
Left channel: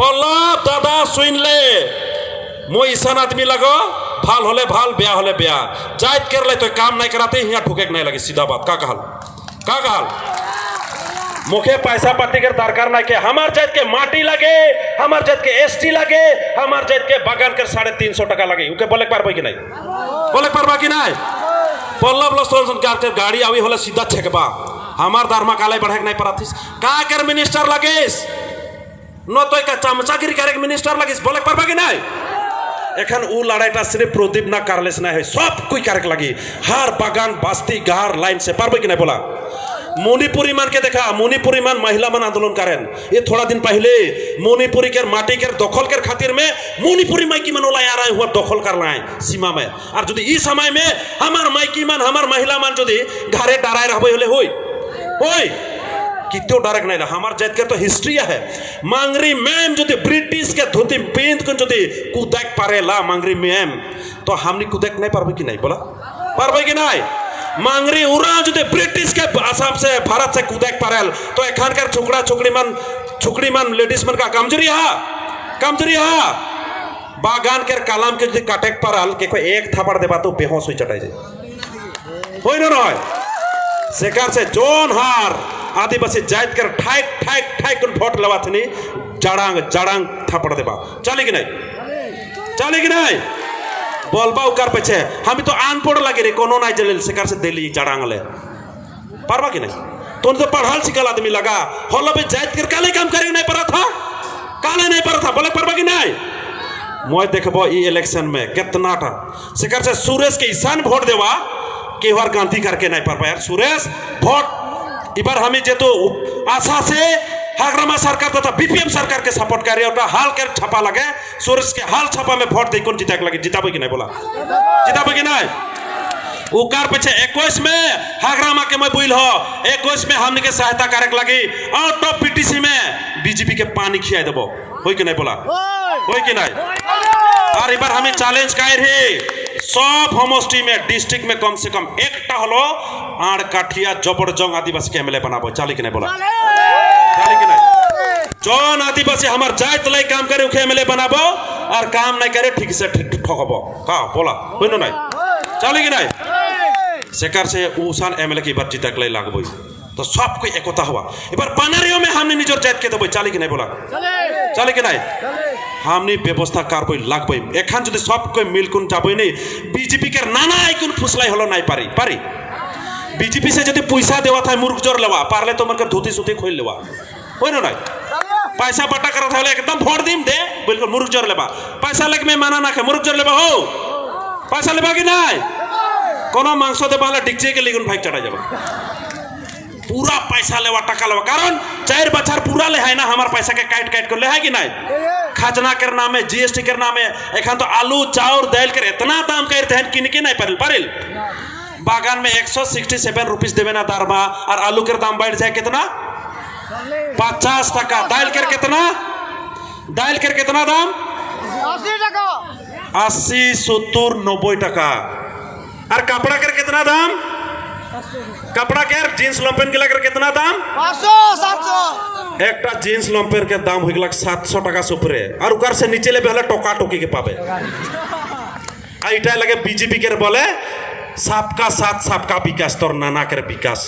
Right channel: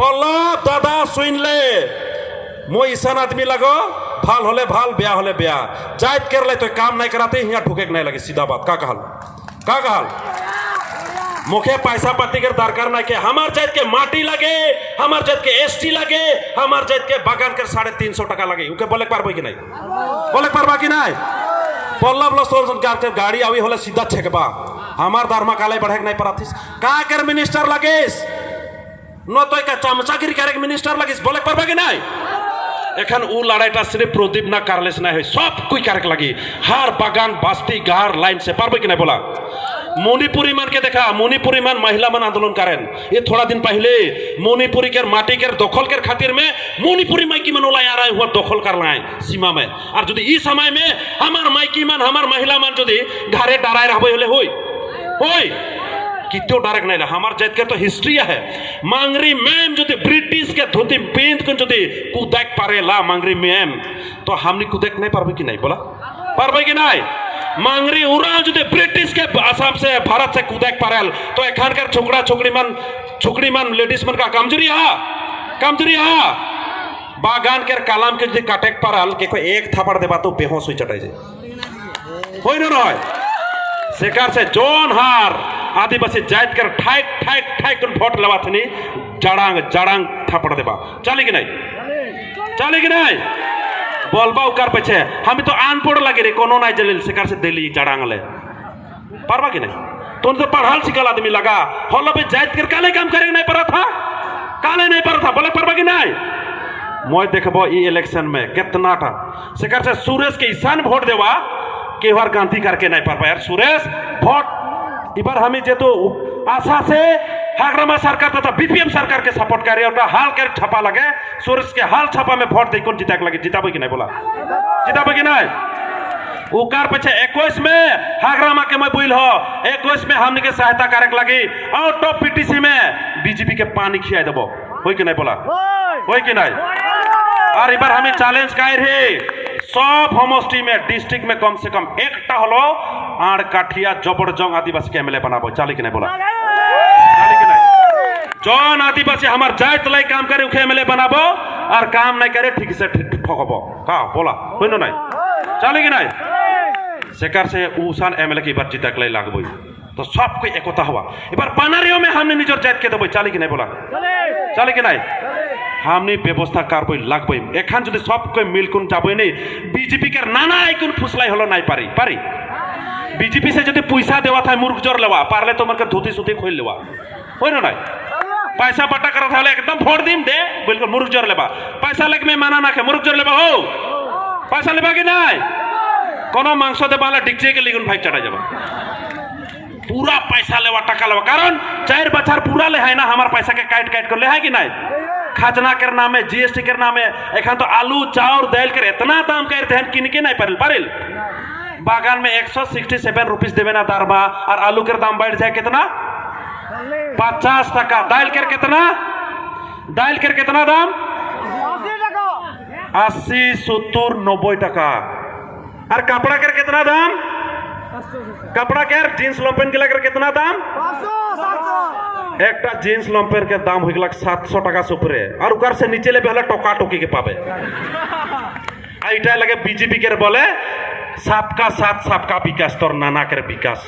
पल्लव दादा सुन ले मो ईसान आदमी लगो भाल होले भाल ब्याह होले ब्याह जात कर ले तो काम नहीं कराते यहाँ ठुके नहीं लगे सीधा बात का कहल मुखे पैसा पत्ती के दरकार नहीं के हमार जात के माटी लगे हमार जात के एसटी लगे हमार जात के बगान के 350 टका लगे उके बोले पारबो कि नहीं पल्लव लोचन के गाड़ी आवी होले सीधा छेकबा हमार धर्म काले बढ़े नहीं पराथिस का कर मिनिस्टर लगेस न तो का चमचागिरी करे मिनिस्टर लगेस बोले पारबा कि नहीं एखन उ लड़ाईटा सिर्फ प्रदीप ना करलेस नहीं सब कोई करे लगी हर बागान बस्ती गार लाइन से पारबो कि नहीं बोला मणिपुरी मान के देखा मणिपुरी मान महिला मन आंदोलन करें ये थोड़ा दिन पहले मणिपुरी के माटी के दखल के खातिर में मणिपुरी माइकी मन ओला आ रहा हुआ दखल कर लाए सीमा में और जो इस समय में हमार माइकी मन हमार महिला मन जो घरे डराए रहे होले कितो डरक नहीं रहा हमार जात के तो हिस्ट्री है मांगरी मैम जो ब्रिटिश के धोती पेंट को जो कूदक पारेला मांगरी मैम तो हमने कूदक नहीं पारबे कि नहीं बोला पारबे कि नहीं मांगरी उरा जो ब्रिटिश के आसाम से भारत से कूदक पारेल तो एखान कर छोकरी मन लेडीज मन का कमजोरी है बागान के कलाम के जो काटेक पारल के कोई एक थापड़ देबा तो बेहोश हो चटाई होई ना सेकार से जोन हार आदिवासी जात कर ठाक वोट लेवा थनी जड़ांग थापड़ देबा चले कि नहीं बोलबा उकार पीछे हम तो अनपढ़ लगे रे कोनो नहीं जलिल सेकार से दिल्ली जड़ांग ले पारबा कि नहीं तो पढ़ल सिखल आदमी लगा होलो भी जात कर काले काम करे नहीं पड़ा था बोले पारबा कि नहीं मैं देखबो ई इलेक्शन में कितना था सेकार से सुरेश के ईशान वोट देवा के बार गांधी करके नहीं पार पाया सुरेश वोट इबार हमें जे तो आशा से हाग्रामा सरकार तथा बीपीएम सरकार के सपोर्ट कर रही है हाल के छापा लगे सोरेस के हाल छापा में वोट दे कौन जीता लगे जिताबे कि नहीं बोला जिताबे कि नहीं उकार पीछे 21 में हाग्रामा के मैं बोल हो 21 में हमने के सहायता कारक लगी और तो पीटीसी में बीजेपी के पानी खिया देबो होई कि नहीं बोला होई कि नहीं और इबार हमें चैलेंज कर रही सब होमोस्टी में डिस्ट्रिक्ट में कम से कम एक हलो आड़ काठिया जबरजंग आदिवासी के एमएलए बनाबो चाली कि नहीं बोला चाली कि नहीं जौन आदिवासी हमार जात लाई काम करे उखे एमएलए बनाबो और काम नहीं करे ठीक से ठीक ठोकबो का बोला होई न नहीं चाली कि नहीं सेकार से उसान एमएलए की बार जीतक लाई लागबो तो सब कोई एकता हुआ इबार पानारियों में हमने निजर जात के देबो चाली कि नहीं बोला चाली कि नहीं हमने व्यवस्था कारबई लागबई एखान যদি सब कोई मिलकुन जाबई नहीं बीजेपी के नाना आइकुन फुसलाई हलो नहीं पारी पारी बीजेपी से যদি পয়সা দেওয়া থাকে মুরগ জোর लेवा पारले तो मन के धोती सुती खोल लेवा होय न नहीं पैसा बटा करा था एकदम भोट दीम दे बिल्कुल मुर्ग जोर लेबा पैसा लग में माना ना के मुर्ग जोर लेबा हो पैसा लेबा कि नहीं कोनो मांस दे बाला डिक्चे के लिगुन भाई चढ़ा जाबा पूरा पैसा लेवा टका लेवा कारण 4 बछर पूरा ले है ना हमार पैसा के काट काट कर ले है कि नहीं खजना के नाम में जीएसटी के नाम में एखन तो आलू चाउर दाल के इतना दाम कर देन किन के नहीं पारिल पारिल बागान में 167 रुपीस देवे ना दारमा और आलू के दाम बढ़ जाए कितना 50 टका दाल के कितना दाम 80 70 90 टका और कपड़ा के कितना दाम कपड़ा के जींस लंपेन के लेकर कितना दाम 500 एक जींस लंपेन के दाम हो 700 टका से ऊपर और उकर से नीचे ले बेहला टोका टोकी के पावे आइटा लगे बीजेपी के बोले सबका साथ सबका विकास तोर नाना के विकास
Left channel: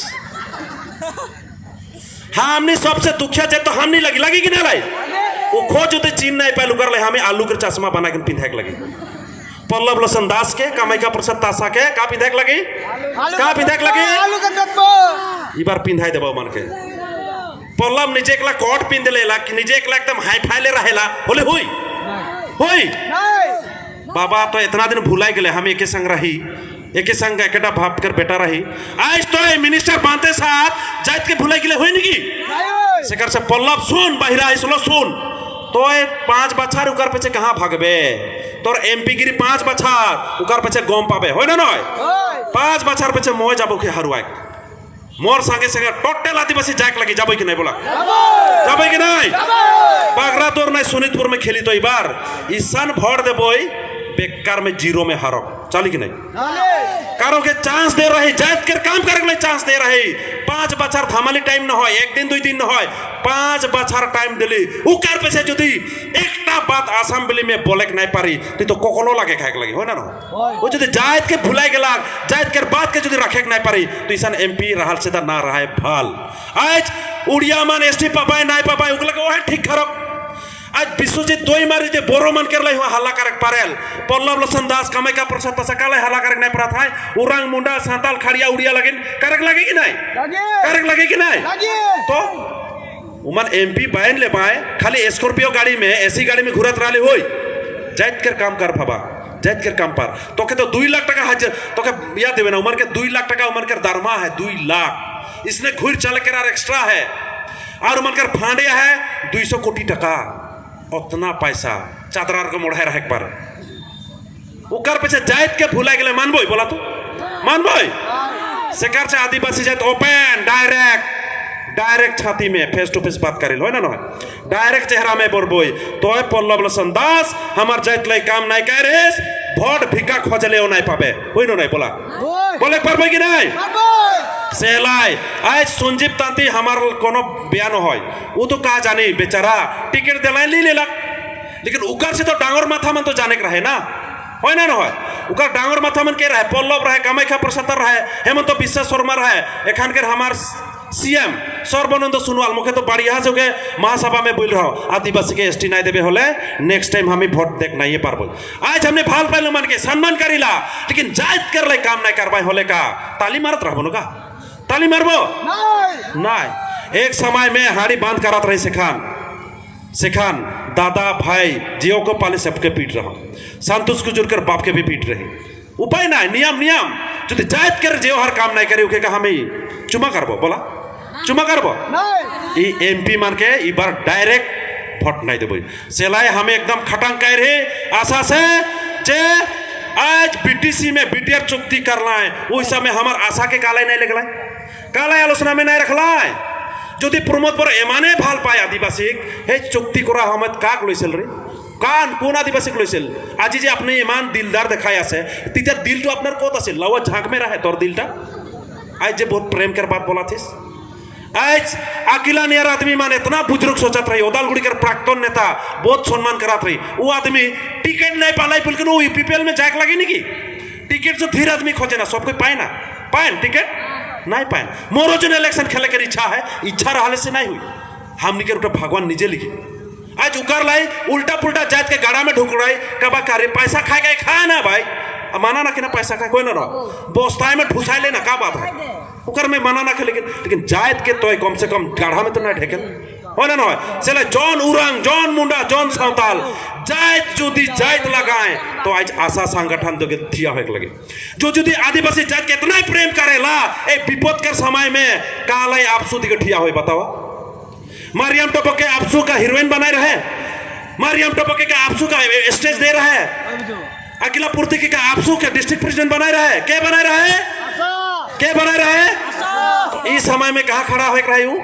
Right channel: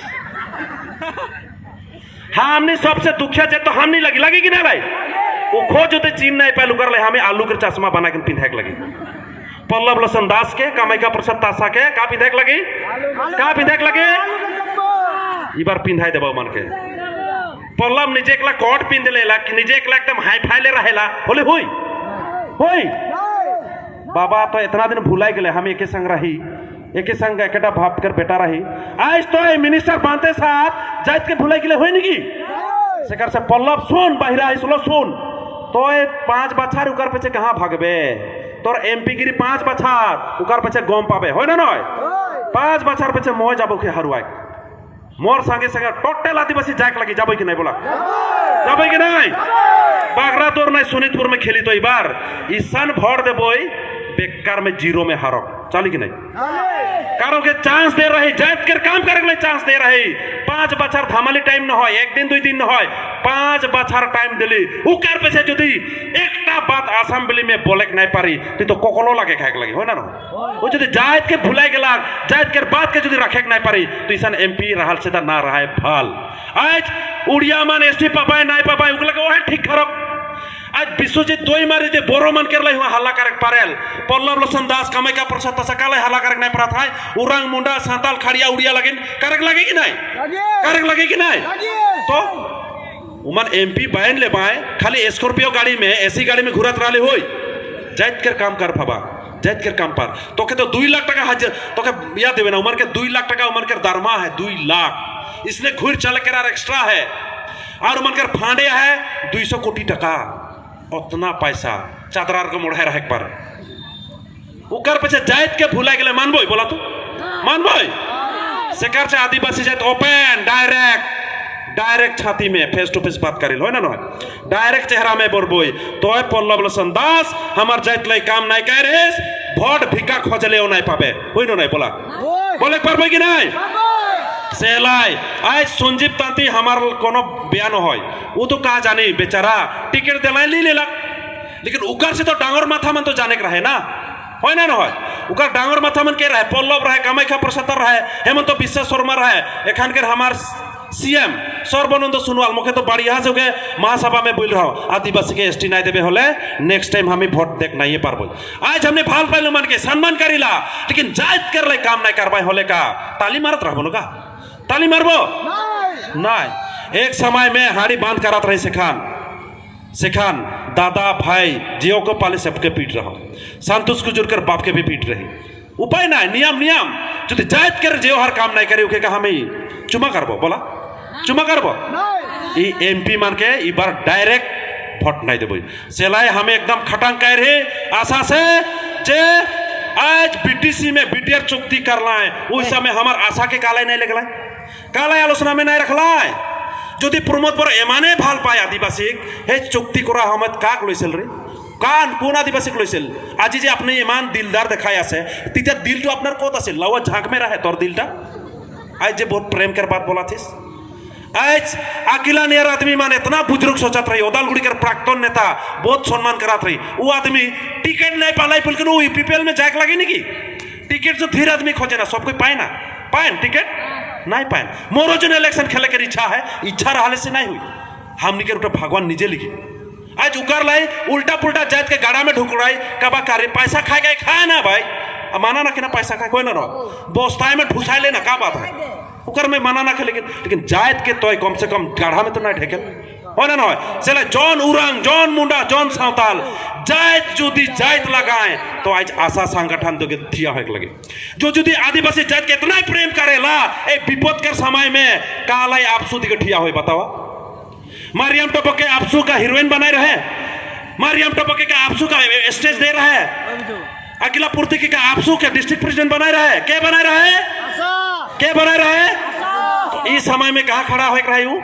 हाँ हमने सबसे दुखिया जाए तो हम नहीं लगी कि नहीं लाई वो खोज होते चीन नहीं पाए उगर ले हमें आलू के चश्मा बना के पिंधाक लगी पल्लव लोसन दास के कामाख्या प्रसाद तासा के का पिंधाक लगी ई बार पिंधाई देबो मन के पल्लव निजे एकला कोट पिंध लेला निजे एकला एकदम हाई फाई ले रहेला बोले होई बाबा तो इतना दिन भुलाई गेले हम एके संग रही एके संग एकटा भाप कर बेटा रही आज तो मिनिस्टर बांते साथ जात के भुलाई गेले होई निकी सेकर से पल्लव सुन बाहिरा आइसलो सुन तो 5 बछर उकर पीछे कहाँ भागबे तोर एमपी गिरी 5 बछर उकर पीछे गम पाबे होय न 5 बछर पीछे मोय जाबो के हरुआई मोर संगे संगे टोटल आदिवासी जाक लगी जाबो कि नहीं बोला जाबो कि नहीं बागरा तोर नहीं सोनितपुर में खेली तो ई बार ईशान भोट देबोई बेकार में जीरो में हारो चली कि नहीं कारो के चांस दे रही जात के काम करे के चांस दे रही 5 बछर थामाली टाइम न होय एक दिन 2 दिन न होय 5 बछर टाइम दिली उकार पे से जदी एकटा बात असेंबली में बोले के नहीं पारी तो कोकलो लागे खाए के लगी हो ना वो जदी जात के भुलाई गेला जात के बात के जदी रखे के नहीं पारी तो ईसन एमपी रहल से ना रहा है भाल आज उड़िया मान एसटी पापाय नहीं पापाय उगला के ओहे ठीक खराब आज विश्वजीत दोई मारी जे बोरो मन कर लाई हुआ हल्ला करक पारेल पल्लव लोसन दास कामाख्या प्रसाद तसकाले हल्ला करक नहीं पड़ा था उरंग मुंडा सांताल खड़िया उड़िया लगिन करक लगे कि नहीं तो उमन एमपी बैन ले पाए खाली स्कॉर्पियो गाड़ी में ऐसी गाड़ी में घुरत रहे होई जाइत कर काम कर भाबा जाइत कर काम पर तो के तो 2 लाख टका हाजिर तो के याद देवे ना उमर के 2 लाख टका उमर के दरमा है 2 लाख इसने घुर चल के एक्स्ट्रा है और उमर कर फांडे है 200 कोटी टका उतना पैसा चादरार के मोड़ रहे पर उकर पीछे जाइत के भूला गेले मानबो बोला तू मानबो सेकार से आदिवासी जाइत ओपन डायरेक्ट छाती में फेस टू फेस बात करिल हो ना डायरेक्ट चेहरा में बोलबोई तो पल्लव लोसन दास हमार जाइत लाई काम नहीं कर रेस भोट भिका खोजले नहीं पाबे होई नहीं बोला बोले पारबो कि नहीं सेलाई आज संजीव तांती हमार कोनो बयान होय वो तो कहा जानी बेचारा टिकट दिलाई ली लेला लेकिन उकर से तो डांगर माथा मन तो जाने के रहे ना होय ना होय उकर डांगर माथा मन के रहे पल्लव रहे कामाख्या प्रसाद रहे हेमंत विश्व शर्मा रहे एखान के हमार सीएम सर्बानंद सोनोवाल मुखे तो बढ़िया से महासभा में बोल रहा हूँ आदिवासी के एसटी नहीं देवे होले नेक्स्ट टाइम हमें वोट देख नहीं पारबो आज हमने भाल पाइलो मन के सम्मान करीला लेकिन जाइत कर ले काम नहीं करवाई होले का ताली मारत रहबो का ताली मारबो नहीं एक समय में हाड़ी बांध करत रही सिखान दादा भाई जियो को पाले सबके पीट रहा संतोष को जुड़कर बाप के भी पीट रही उपाय ना नियम जो जाइत कर जियो हर काम नहीं करे उके का हमें चुमा करबो बोला चुमा करबो MP मान के ई बार डायरेक्ट भोट नहीं देबो सेलाई हमें एकदम खटंग कह रहे आशा से जे आज BTC में BTR चुक्ति करला है ओइ समय हमार आशा के काले नहीं लगला काले आलोचना में नहीं रखला है যদি প্রমোদ বড় এমানে ভাল পায় আদিবাসীক সেই চুক্তি করা সময়ত কাক লৈছিল রে কোন আদিবাসীক লৈছিল আজি যে আপনি ইমান দিলদার দেখাই আছে তেতিয়া দিলটো আপনার কত আছে লাওয়া ঝাঁক में रहे তোর দিলটা आज जे बहुत प्रेम कर बात बोला थी आज अकेला नियर आदमी मान इतना बुजुर्ग सोचत रही ओदालगुड़ी के प्राक्तन नेता बहुत सम्मान करात रही वो आदमी टिकट नहीं पाला बोल के UPPL में जाके लगी नहीं की टिकट जो धीरे आदमी खोजे ना सब कोई पाए ना पाए टिकट नहीं पाए मोरो जो इलेक्शन खेले के इच्छा है इच्छा रहले से नहीं हुई हमनी के उठा भगवान निजे लिखी आज उकर लाई उल्टा पुल्टा जात के गाड़ा में ढुक रहा कबा कार्य पैसा खाए गए खाए ना भाई माना ना कि ना पैसा खाए कोई ना रहो बोस्ताए में ठुसाए लेना क्या बात है उकर में माना ना खे लेकिन जायत के तो कम से कम गाढ़ा में तो ना ढेके हो ना चले जॉन उरंग जॉन मुंडा जॉन सावताल जायत जुदी जायत लगाए तो आज आशा संगठन तो थिया हो लगे जो जुदी आदिवासी जायत के इतना प्रेम करेला ए विपद के समय में काला आपसू दिखे ठिया हो बतावा मारियम टोपो के आपसू का हीरोइन बनाए रहे मारियम टोपो के आपसू का स्टेज दे रहा है अकेला पूर्ति के आपसू के डिस्ट्रिक्ट प्रेसिडेंट बनाए रहे के बनाए रहे इस समय में कहा खड़ा हो रहा हूँ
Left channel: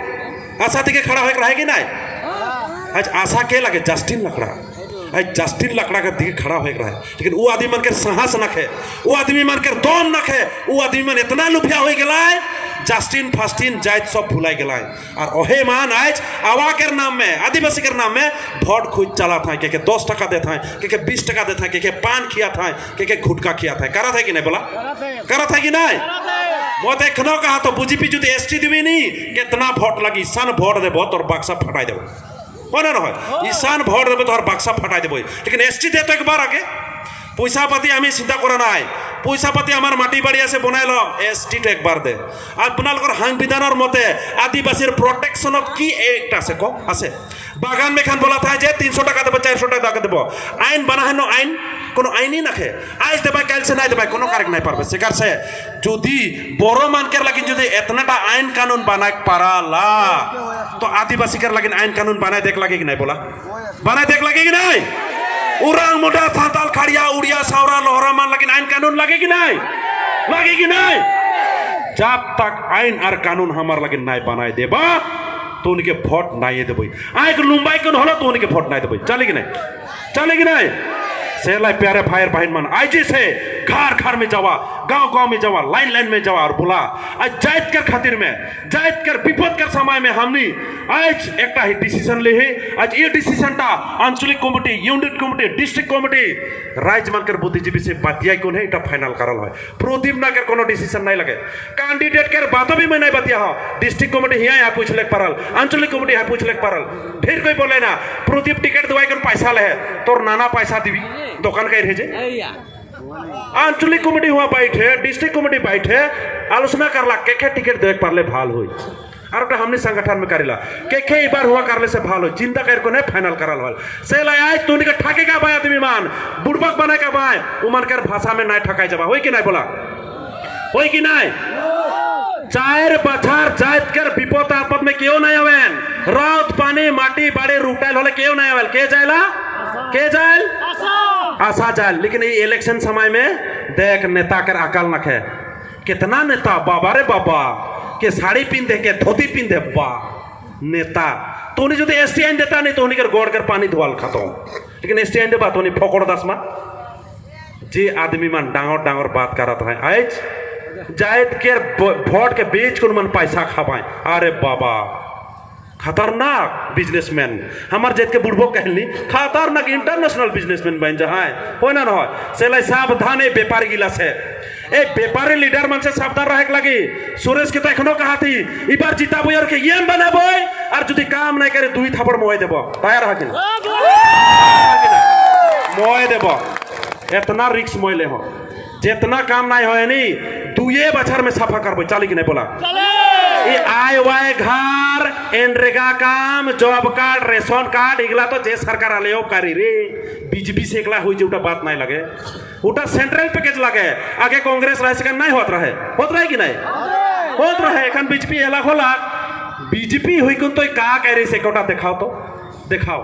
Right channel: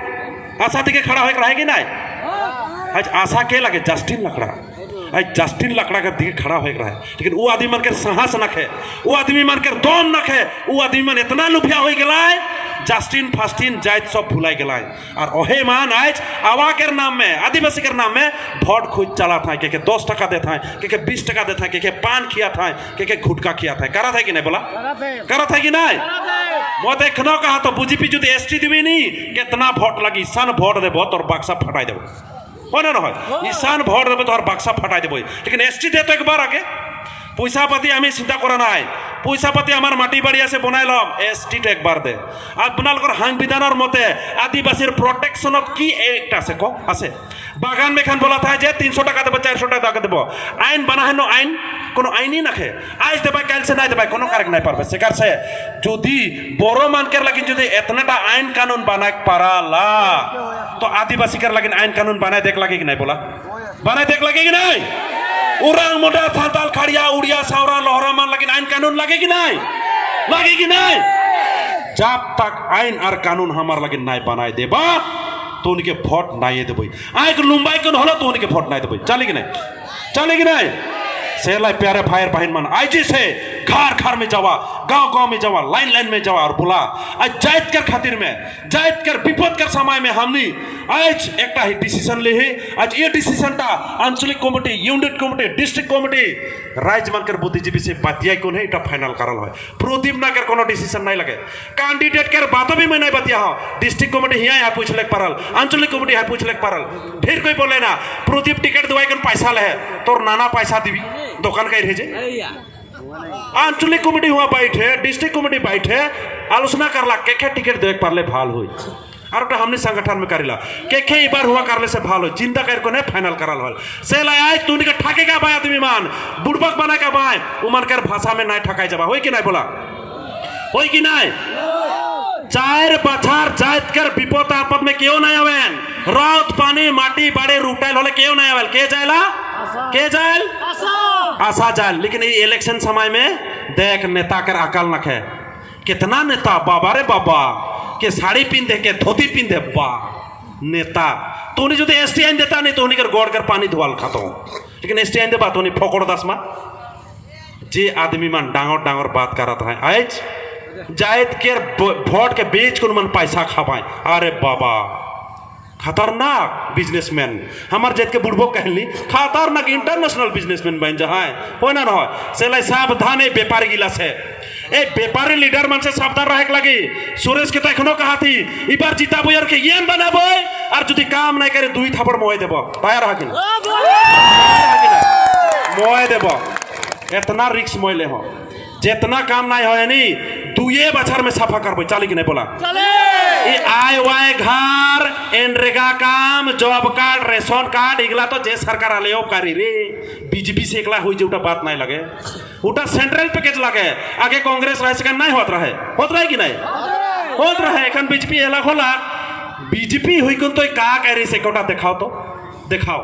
आशा के खड़ा हो रहा है कि नहीं आज आशा के लगे जस्टिन लकड़ा आज जस्टिन लकड़ा का दिखे खड़ा हो रहा है लेकिन वो आदमी मन के साहस नखे वो आदमी मन के दोन नखे वो आदमी मन इतना लुफिया हो गया जस्टिन फास्टिन जायत सब भुलाई गया और ओहे मान आज आवा के नाम में आदिवासी के नाम में वोट खोज चला था के 10 टका देता है के 20 टका देता है के पान खिया था के गुटखा खिया था करा था कि नहीं बोला करा था कि नहीं मैं देखना कहा तो बुझी पी जो ST देवी नहीं कितना वोट लगी सन वोट देव तोर बक्सा फटाई देव ना ईशान भोट देव तोर बक्सा फटाई देव लेकिन ST दे तो एक बार आगे पैसा पाती हमें चिंता करा ना पैसा पाती हमार माटी बाड़िया से बनाए लम ST तो एक बार दे आपनालोकर संविधानर मते आदिवासी प्रोटेक्शन की एक आसे को आसे बागान में खान बोला था जे 300 टका देव 400 टका देव आईन बना है नो आईन कोनो आईन ही नखे आज देबा काल से नहीं देबा कोनो कारक नहीं पारबे सेकार से जदि बड़ो मान के लगिन जदि एतनाटा आईन कानून बनाए पाराला तो आदिवासी कर लगिन आईन कानून बनाए देख लगे कि नहीं बोला बनाए देख लगे कि नहीं उरांग मोटा साताल खड़िया उड़िया सावरा लोहरा मान लगिन आईन कानून लगे कि नहीं जब तक आईन और कानून हमार लगिन नहीं बनाए देबा तो उनके वोट नहीं देबो आइक लुम्बाई कौन हलो तो उनके वोट नहीं देबो चले कि नहीं सेलाई प्यारे फायर बहन मन आज से घर में जावा गांव में जावा लाइन में जावा और बोला आज जायत कर खातिर में जायत कर विपद कर समय में हमने आज एक ही डिसीजन ले है आज ये डिसीजन टा आंचलिक committee unit committee district committee राज्य मनकर बुद्धिजीवी से बतिया कौन है इटा फाइनल करल है प्रदीप ना कर कोनो डिसीजन नहीं लगे कैंडिडेट कर बातों भी मैं नहीं बतिया हो डिस्ट्रिक्ट कमिटी यहाँ पूछ ले परल आंचलिक कमिटी यहाँ पूछ ले परल फिर कोई बोले ना प्रदीप टिकट दवाई कौन पैसा ले तोर नाना पैसा दीवी दुकान का रहे आंचलिक कमिटी हुआ बैठे डिस्ट्रिक्ट कमिटी बैठे आलोचना करला के टिकट देख पारले भाल हुई और हमने संगठन में करेला के बार हुआ करले से भाल हो चिंता कर को नहीं फाइनल करल हो से ला आज तू के ठके का बाय आदमी मान बुड़बक बना का बाय उमन कर भाषा में नहीं ठकाई जाबा होई कि नहीं बोला होई कि नहीं 4 बछर जायत कर विपद आपद में क्यों नहीं आवेन रात पानी माटी बाड़े रूटाइल होले क्यों नहीं आवेल के जायल आशा जायल लेकिन ये इलेक्शन समय में देख नेता कर अकल नखे कितना नेता बाबा रे बाबा के साड़ी पिंधे के धोती पिंधे बा नेता तो उन्हें जो ST आइन देता नहीं तो उन्हें कर गोड़ कर पानी धोवाल खाता लेकिन ST आइन देबा तो उन्हें फोकड़ दस मा जे आदमी मन डांगर बात करत है आज जायत के वोट के बेच को मन पैसा खावाए अरे बाबा खतरनाक बिजनेसमैन हमार जात के बुढ़बो कहली खतरनाक इंटरनेशनल बिजनेसमैन बन जा हो ना न सेलाई सावधान है व्यापारी गिला से ए व्यापारी लीडर मन से सावधान रहे लगी सुरेश के तो एखनो कहा थी ई बार जीता बुयर के येन बनाबो और जदी काम नहीं करे दुई थापड़ मोय देबो तैयार है कि मोय देबो इतना रिस्क मोय ले हो जितना काम नहीं हो नी 2 बछर में सफा करबो चली कि नहीं बोला ये आय वाय घर एनरेगा काम जॉब कार्ड रेशन कार्ड इगला तो जे सरकार आले करी रे बीजेपी से एकला हुई जोटा बात नहीं लगे उटा सेंट्रल पैकेज लगे आगे कांग्रेस राज का नहीं होत रहे कि नहीं होत रहे एखन बीजेपी एला होला बीजेपी हुई कौन तो का कह रही से कोटा दिखाओ तो दिखाओ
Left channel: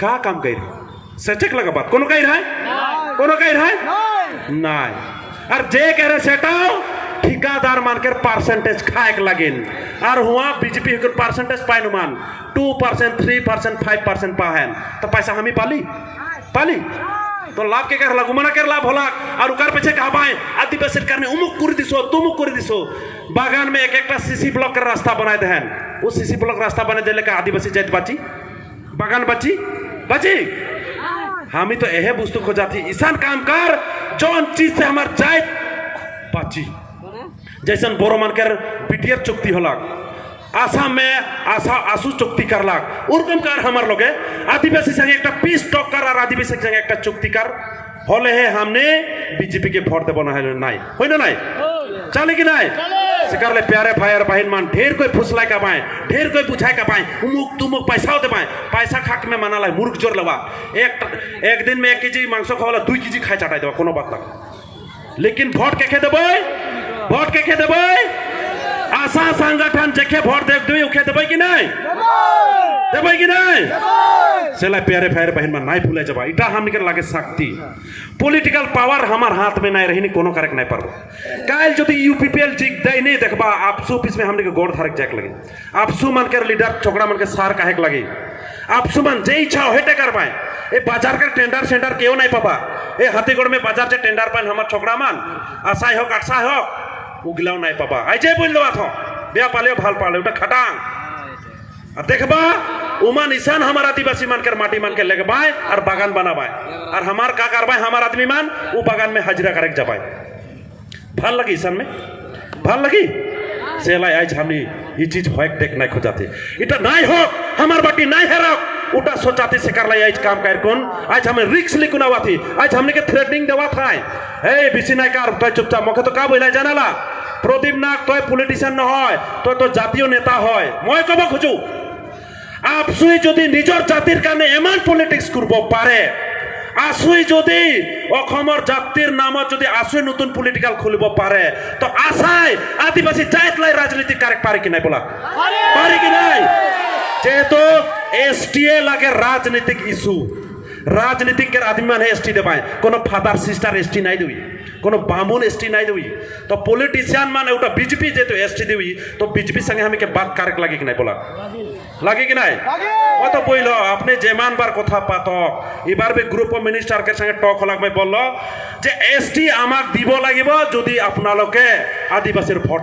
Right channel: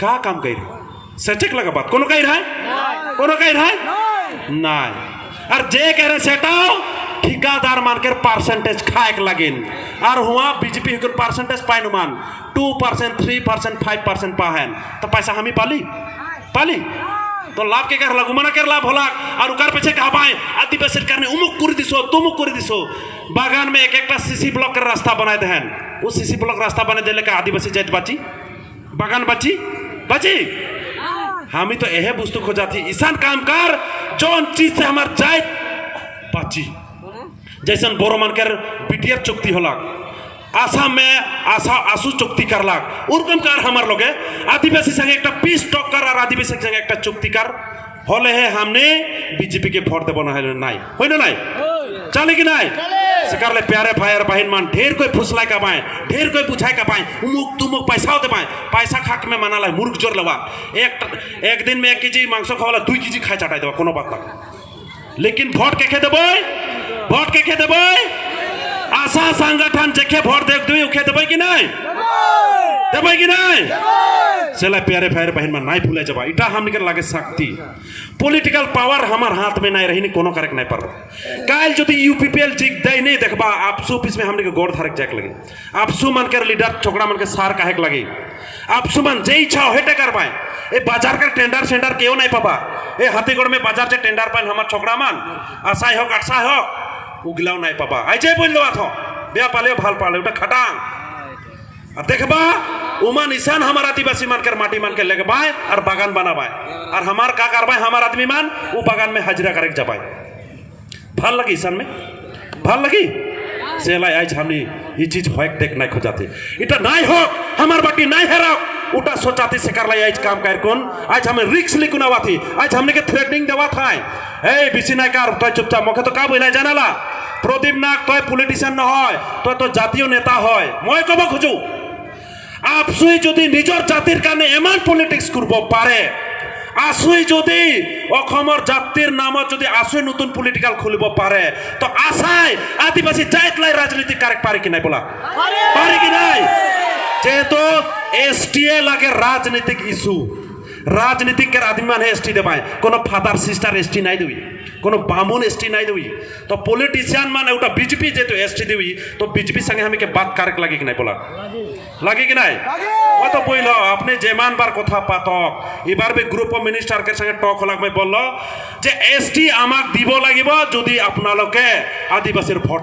का काम कर रही सचक लगा बात कोनो कह रहा है कोनो कह रहा है नहीं और जे कह रहे सेटाओ ठिकादार मानकर परसेंटेज खाए लगिन और हुआ बीजेपी होकर परसेंटेज पाइन मान 2% 3% 5% पाहन तो पैसा हम ही पाली पाली तो लाभ के कर लागू मना कर लाभ होला और उकार पीछे कहा पाए आदिवासी सरकार ने उमुक कर दिसो तुमुक कर दिसो बागान में एक एक सीसी ब्लॉक कर रास्ता बनाए देहन उस सीसी ब्लॉक रास्ता बने देले का आदिवासी जात बाची बागान बची बची हम ही तो यह वस्तु खो जाती ईशान काम कर जौन चीज से हमार जात बाची जैसन बोरो मान कर बीटीआर चुक्ति होला आसाम में आसू चुक्ति करलाक उर्गम कार हमार लोगे आदिवासी संगे एक पीस टॉक कर और आदिवासी संगे एक चुक्ति कर होले है हमने बीजेपी के वोट देबो नहीं होय ना नहीं चले कि नहीं सिकारले प्यारे फायर बहन मान ढेर कोई फुसलाय का पाए ढेर कोई बुझाय का पाए उमुक तुमुक पैसा दे पाए पैसा खाक में माना ला मूर्ख जोर लवा एक दिन में 1 केजी मांस खावाला 2 केजी खाय चटाई देबा कोनो बात ना लेकिन वोट के देबै आशा संगठन जेके वोट देख दुई उखे देबै कि नहीं सेला प्यारे फायर बहन में नहीं भूले जबा इटा हम निकर लागे शक्ति पॉलिटिकल पावर हमार हाथ में नहीं रही कोनो करक नहीं परबो काल जदि यूपीपीएल जिक दई नहीं देखबा आपसू ऑफिस में हमने के गोड़ धरक जाक लगे आपसू मन कर लीडर छोकड़ा मन के सार काहेक लगे आपसू मन जे इच्छा हेटे कर पाए ए बाजार का टेंडर सेंडर केओ नहीं पाबा ए हाथीगढ़ में बाजार से टेंडर पाए हमार छोकड़ा मन आशाय हो काटसा हो उगलाव नहीं पाबा आई जे बोल देवा थो बे पाले भाल पाले उटा खटांग देखबा उमा निशान हमार आदिवासी मान कर माटी मान के लगबाए और बागान बनाबाए और हमार का करबाए हमार आदमी मान वो बागान में हाजिरा करके जबाए भाल लगी ईशान में भाल लगी सेला आज हमनी ये चीज होक देख नहीं खोजाते इटा नहीं हो हमार बाटी नहीं हरा उटा सोचाते से कर लाई आज काम कर कौन आज हमें रिक्स लिखुनावा थी आज हमने के थ्रेटनिंग देवा था ए बिसी नहीं कर तो चुपचाप मखे तो का बोला जानाला प्रदीप नाग तो पॉलिटिशियन न হয় तो জাতীয় নেতা হয় মই কব খুজু আপসুই যদি নিজৰ জাতিৰ কাৰণে এমান পলিটিক্স কৰিব পাৰে আসুই যদি অসমৰ জাতিৰ নামত যদি আসুই নতুন পলিটিক্যাল খুলিব পাৰে তো আশাই আদিবাসী জাতলাই ৰাজনীতি কাৰেক পারে কি নাই বলা পারে কি নাই যেহেতু এসটিএ লাগে রাজনীতিক ইস্যু राजनीतिक के आदमी मान एसटी दे पाए कोनो फादर सिस्टर एसटी नहीं देवी कोनो बामून एसटी नहीं देवी तो पॉलिटिशियन मान उटा बीजेपी जे तो एसटी देवी तो बीजेपी संगे हमें के बात कारक लगे कि नहीं बोला लगे कि नहीं वो तो बोलो आपने जेमान बार कथा पातो एबार बे ग्रुप ऑफ मिनिस्टर के संगे टॉक हलाक में बोललो जे एसटी आमाक दिबो लागिबो जदि आपनालोके आदिवासीर भोट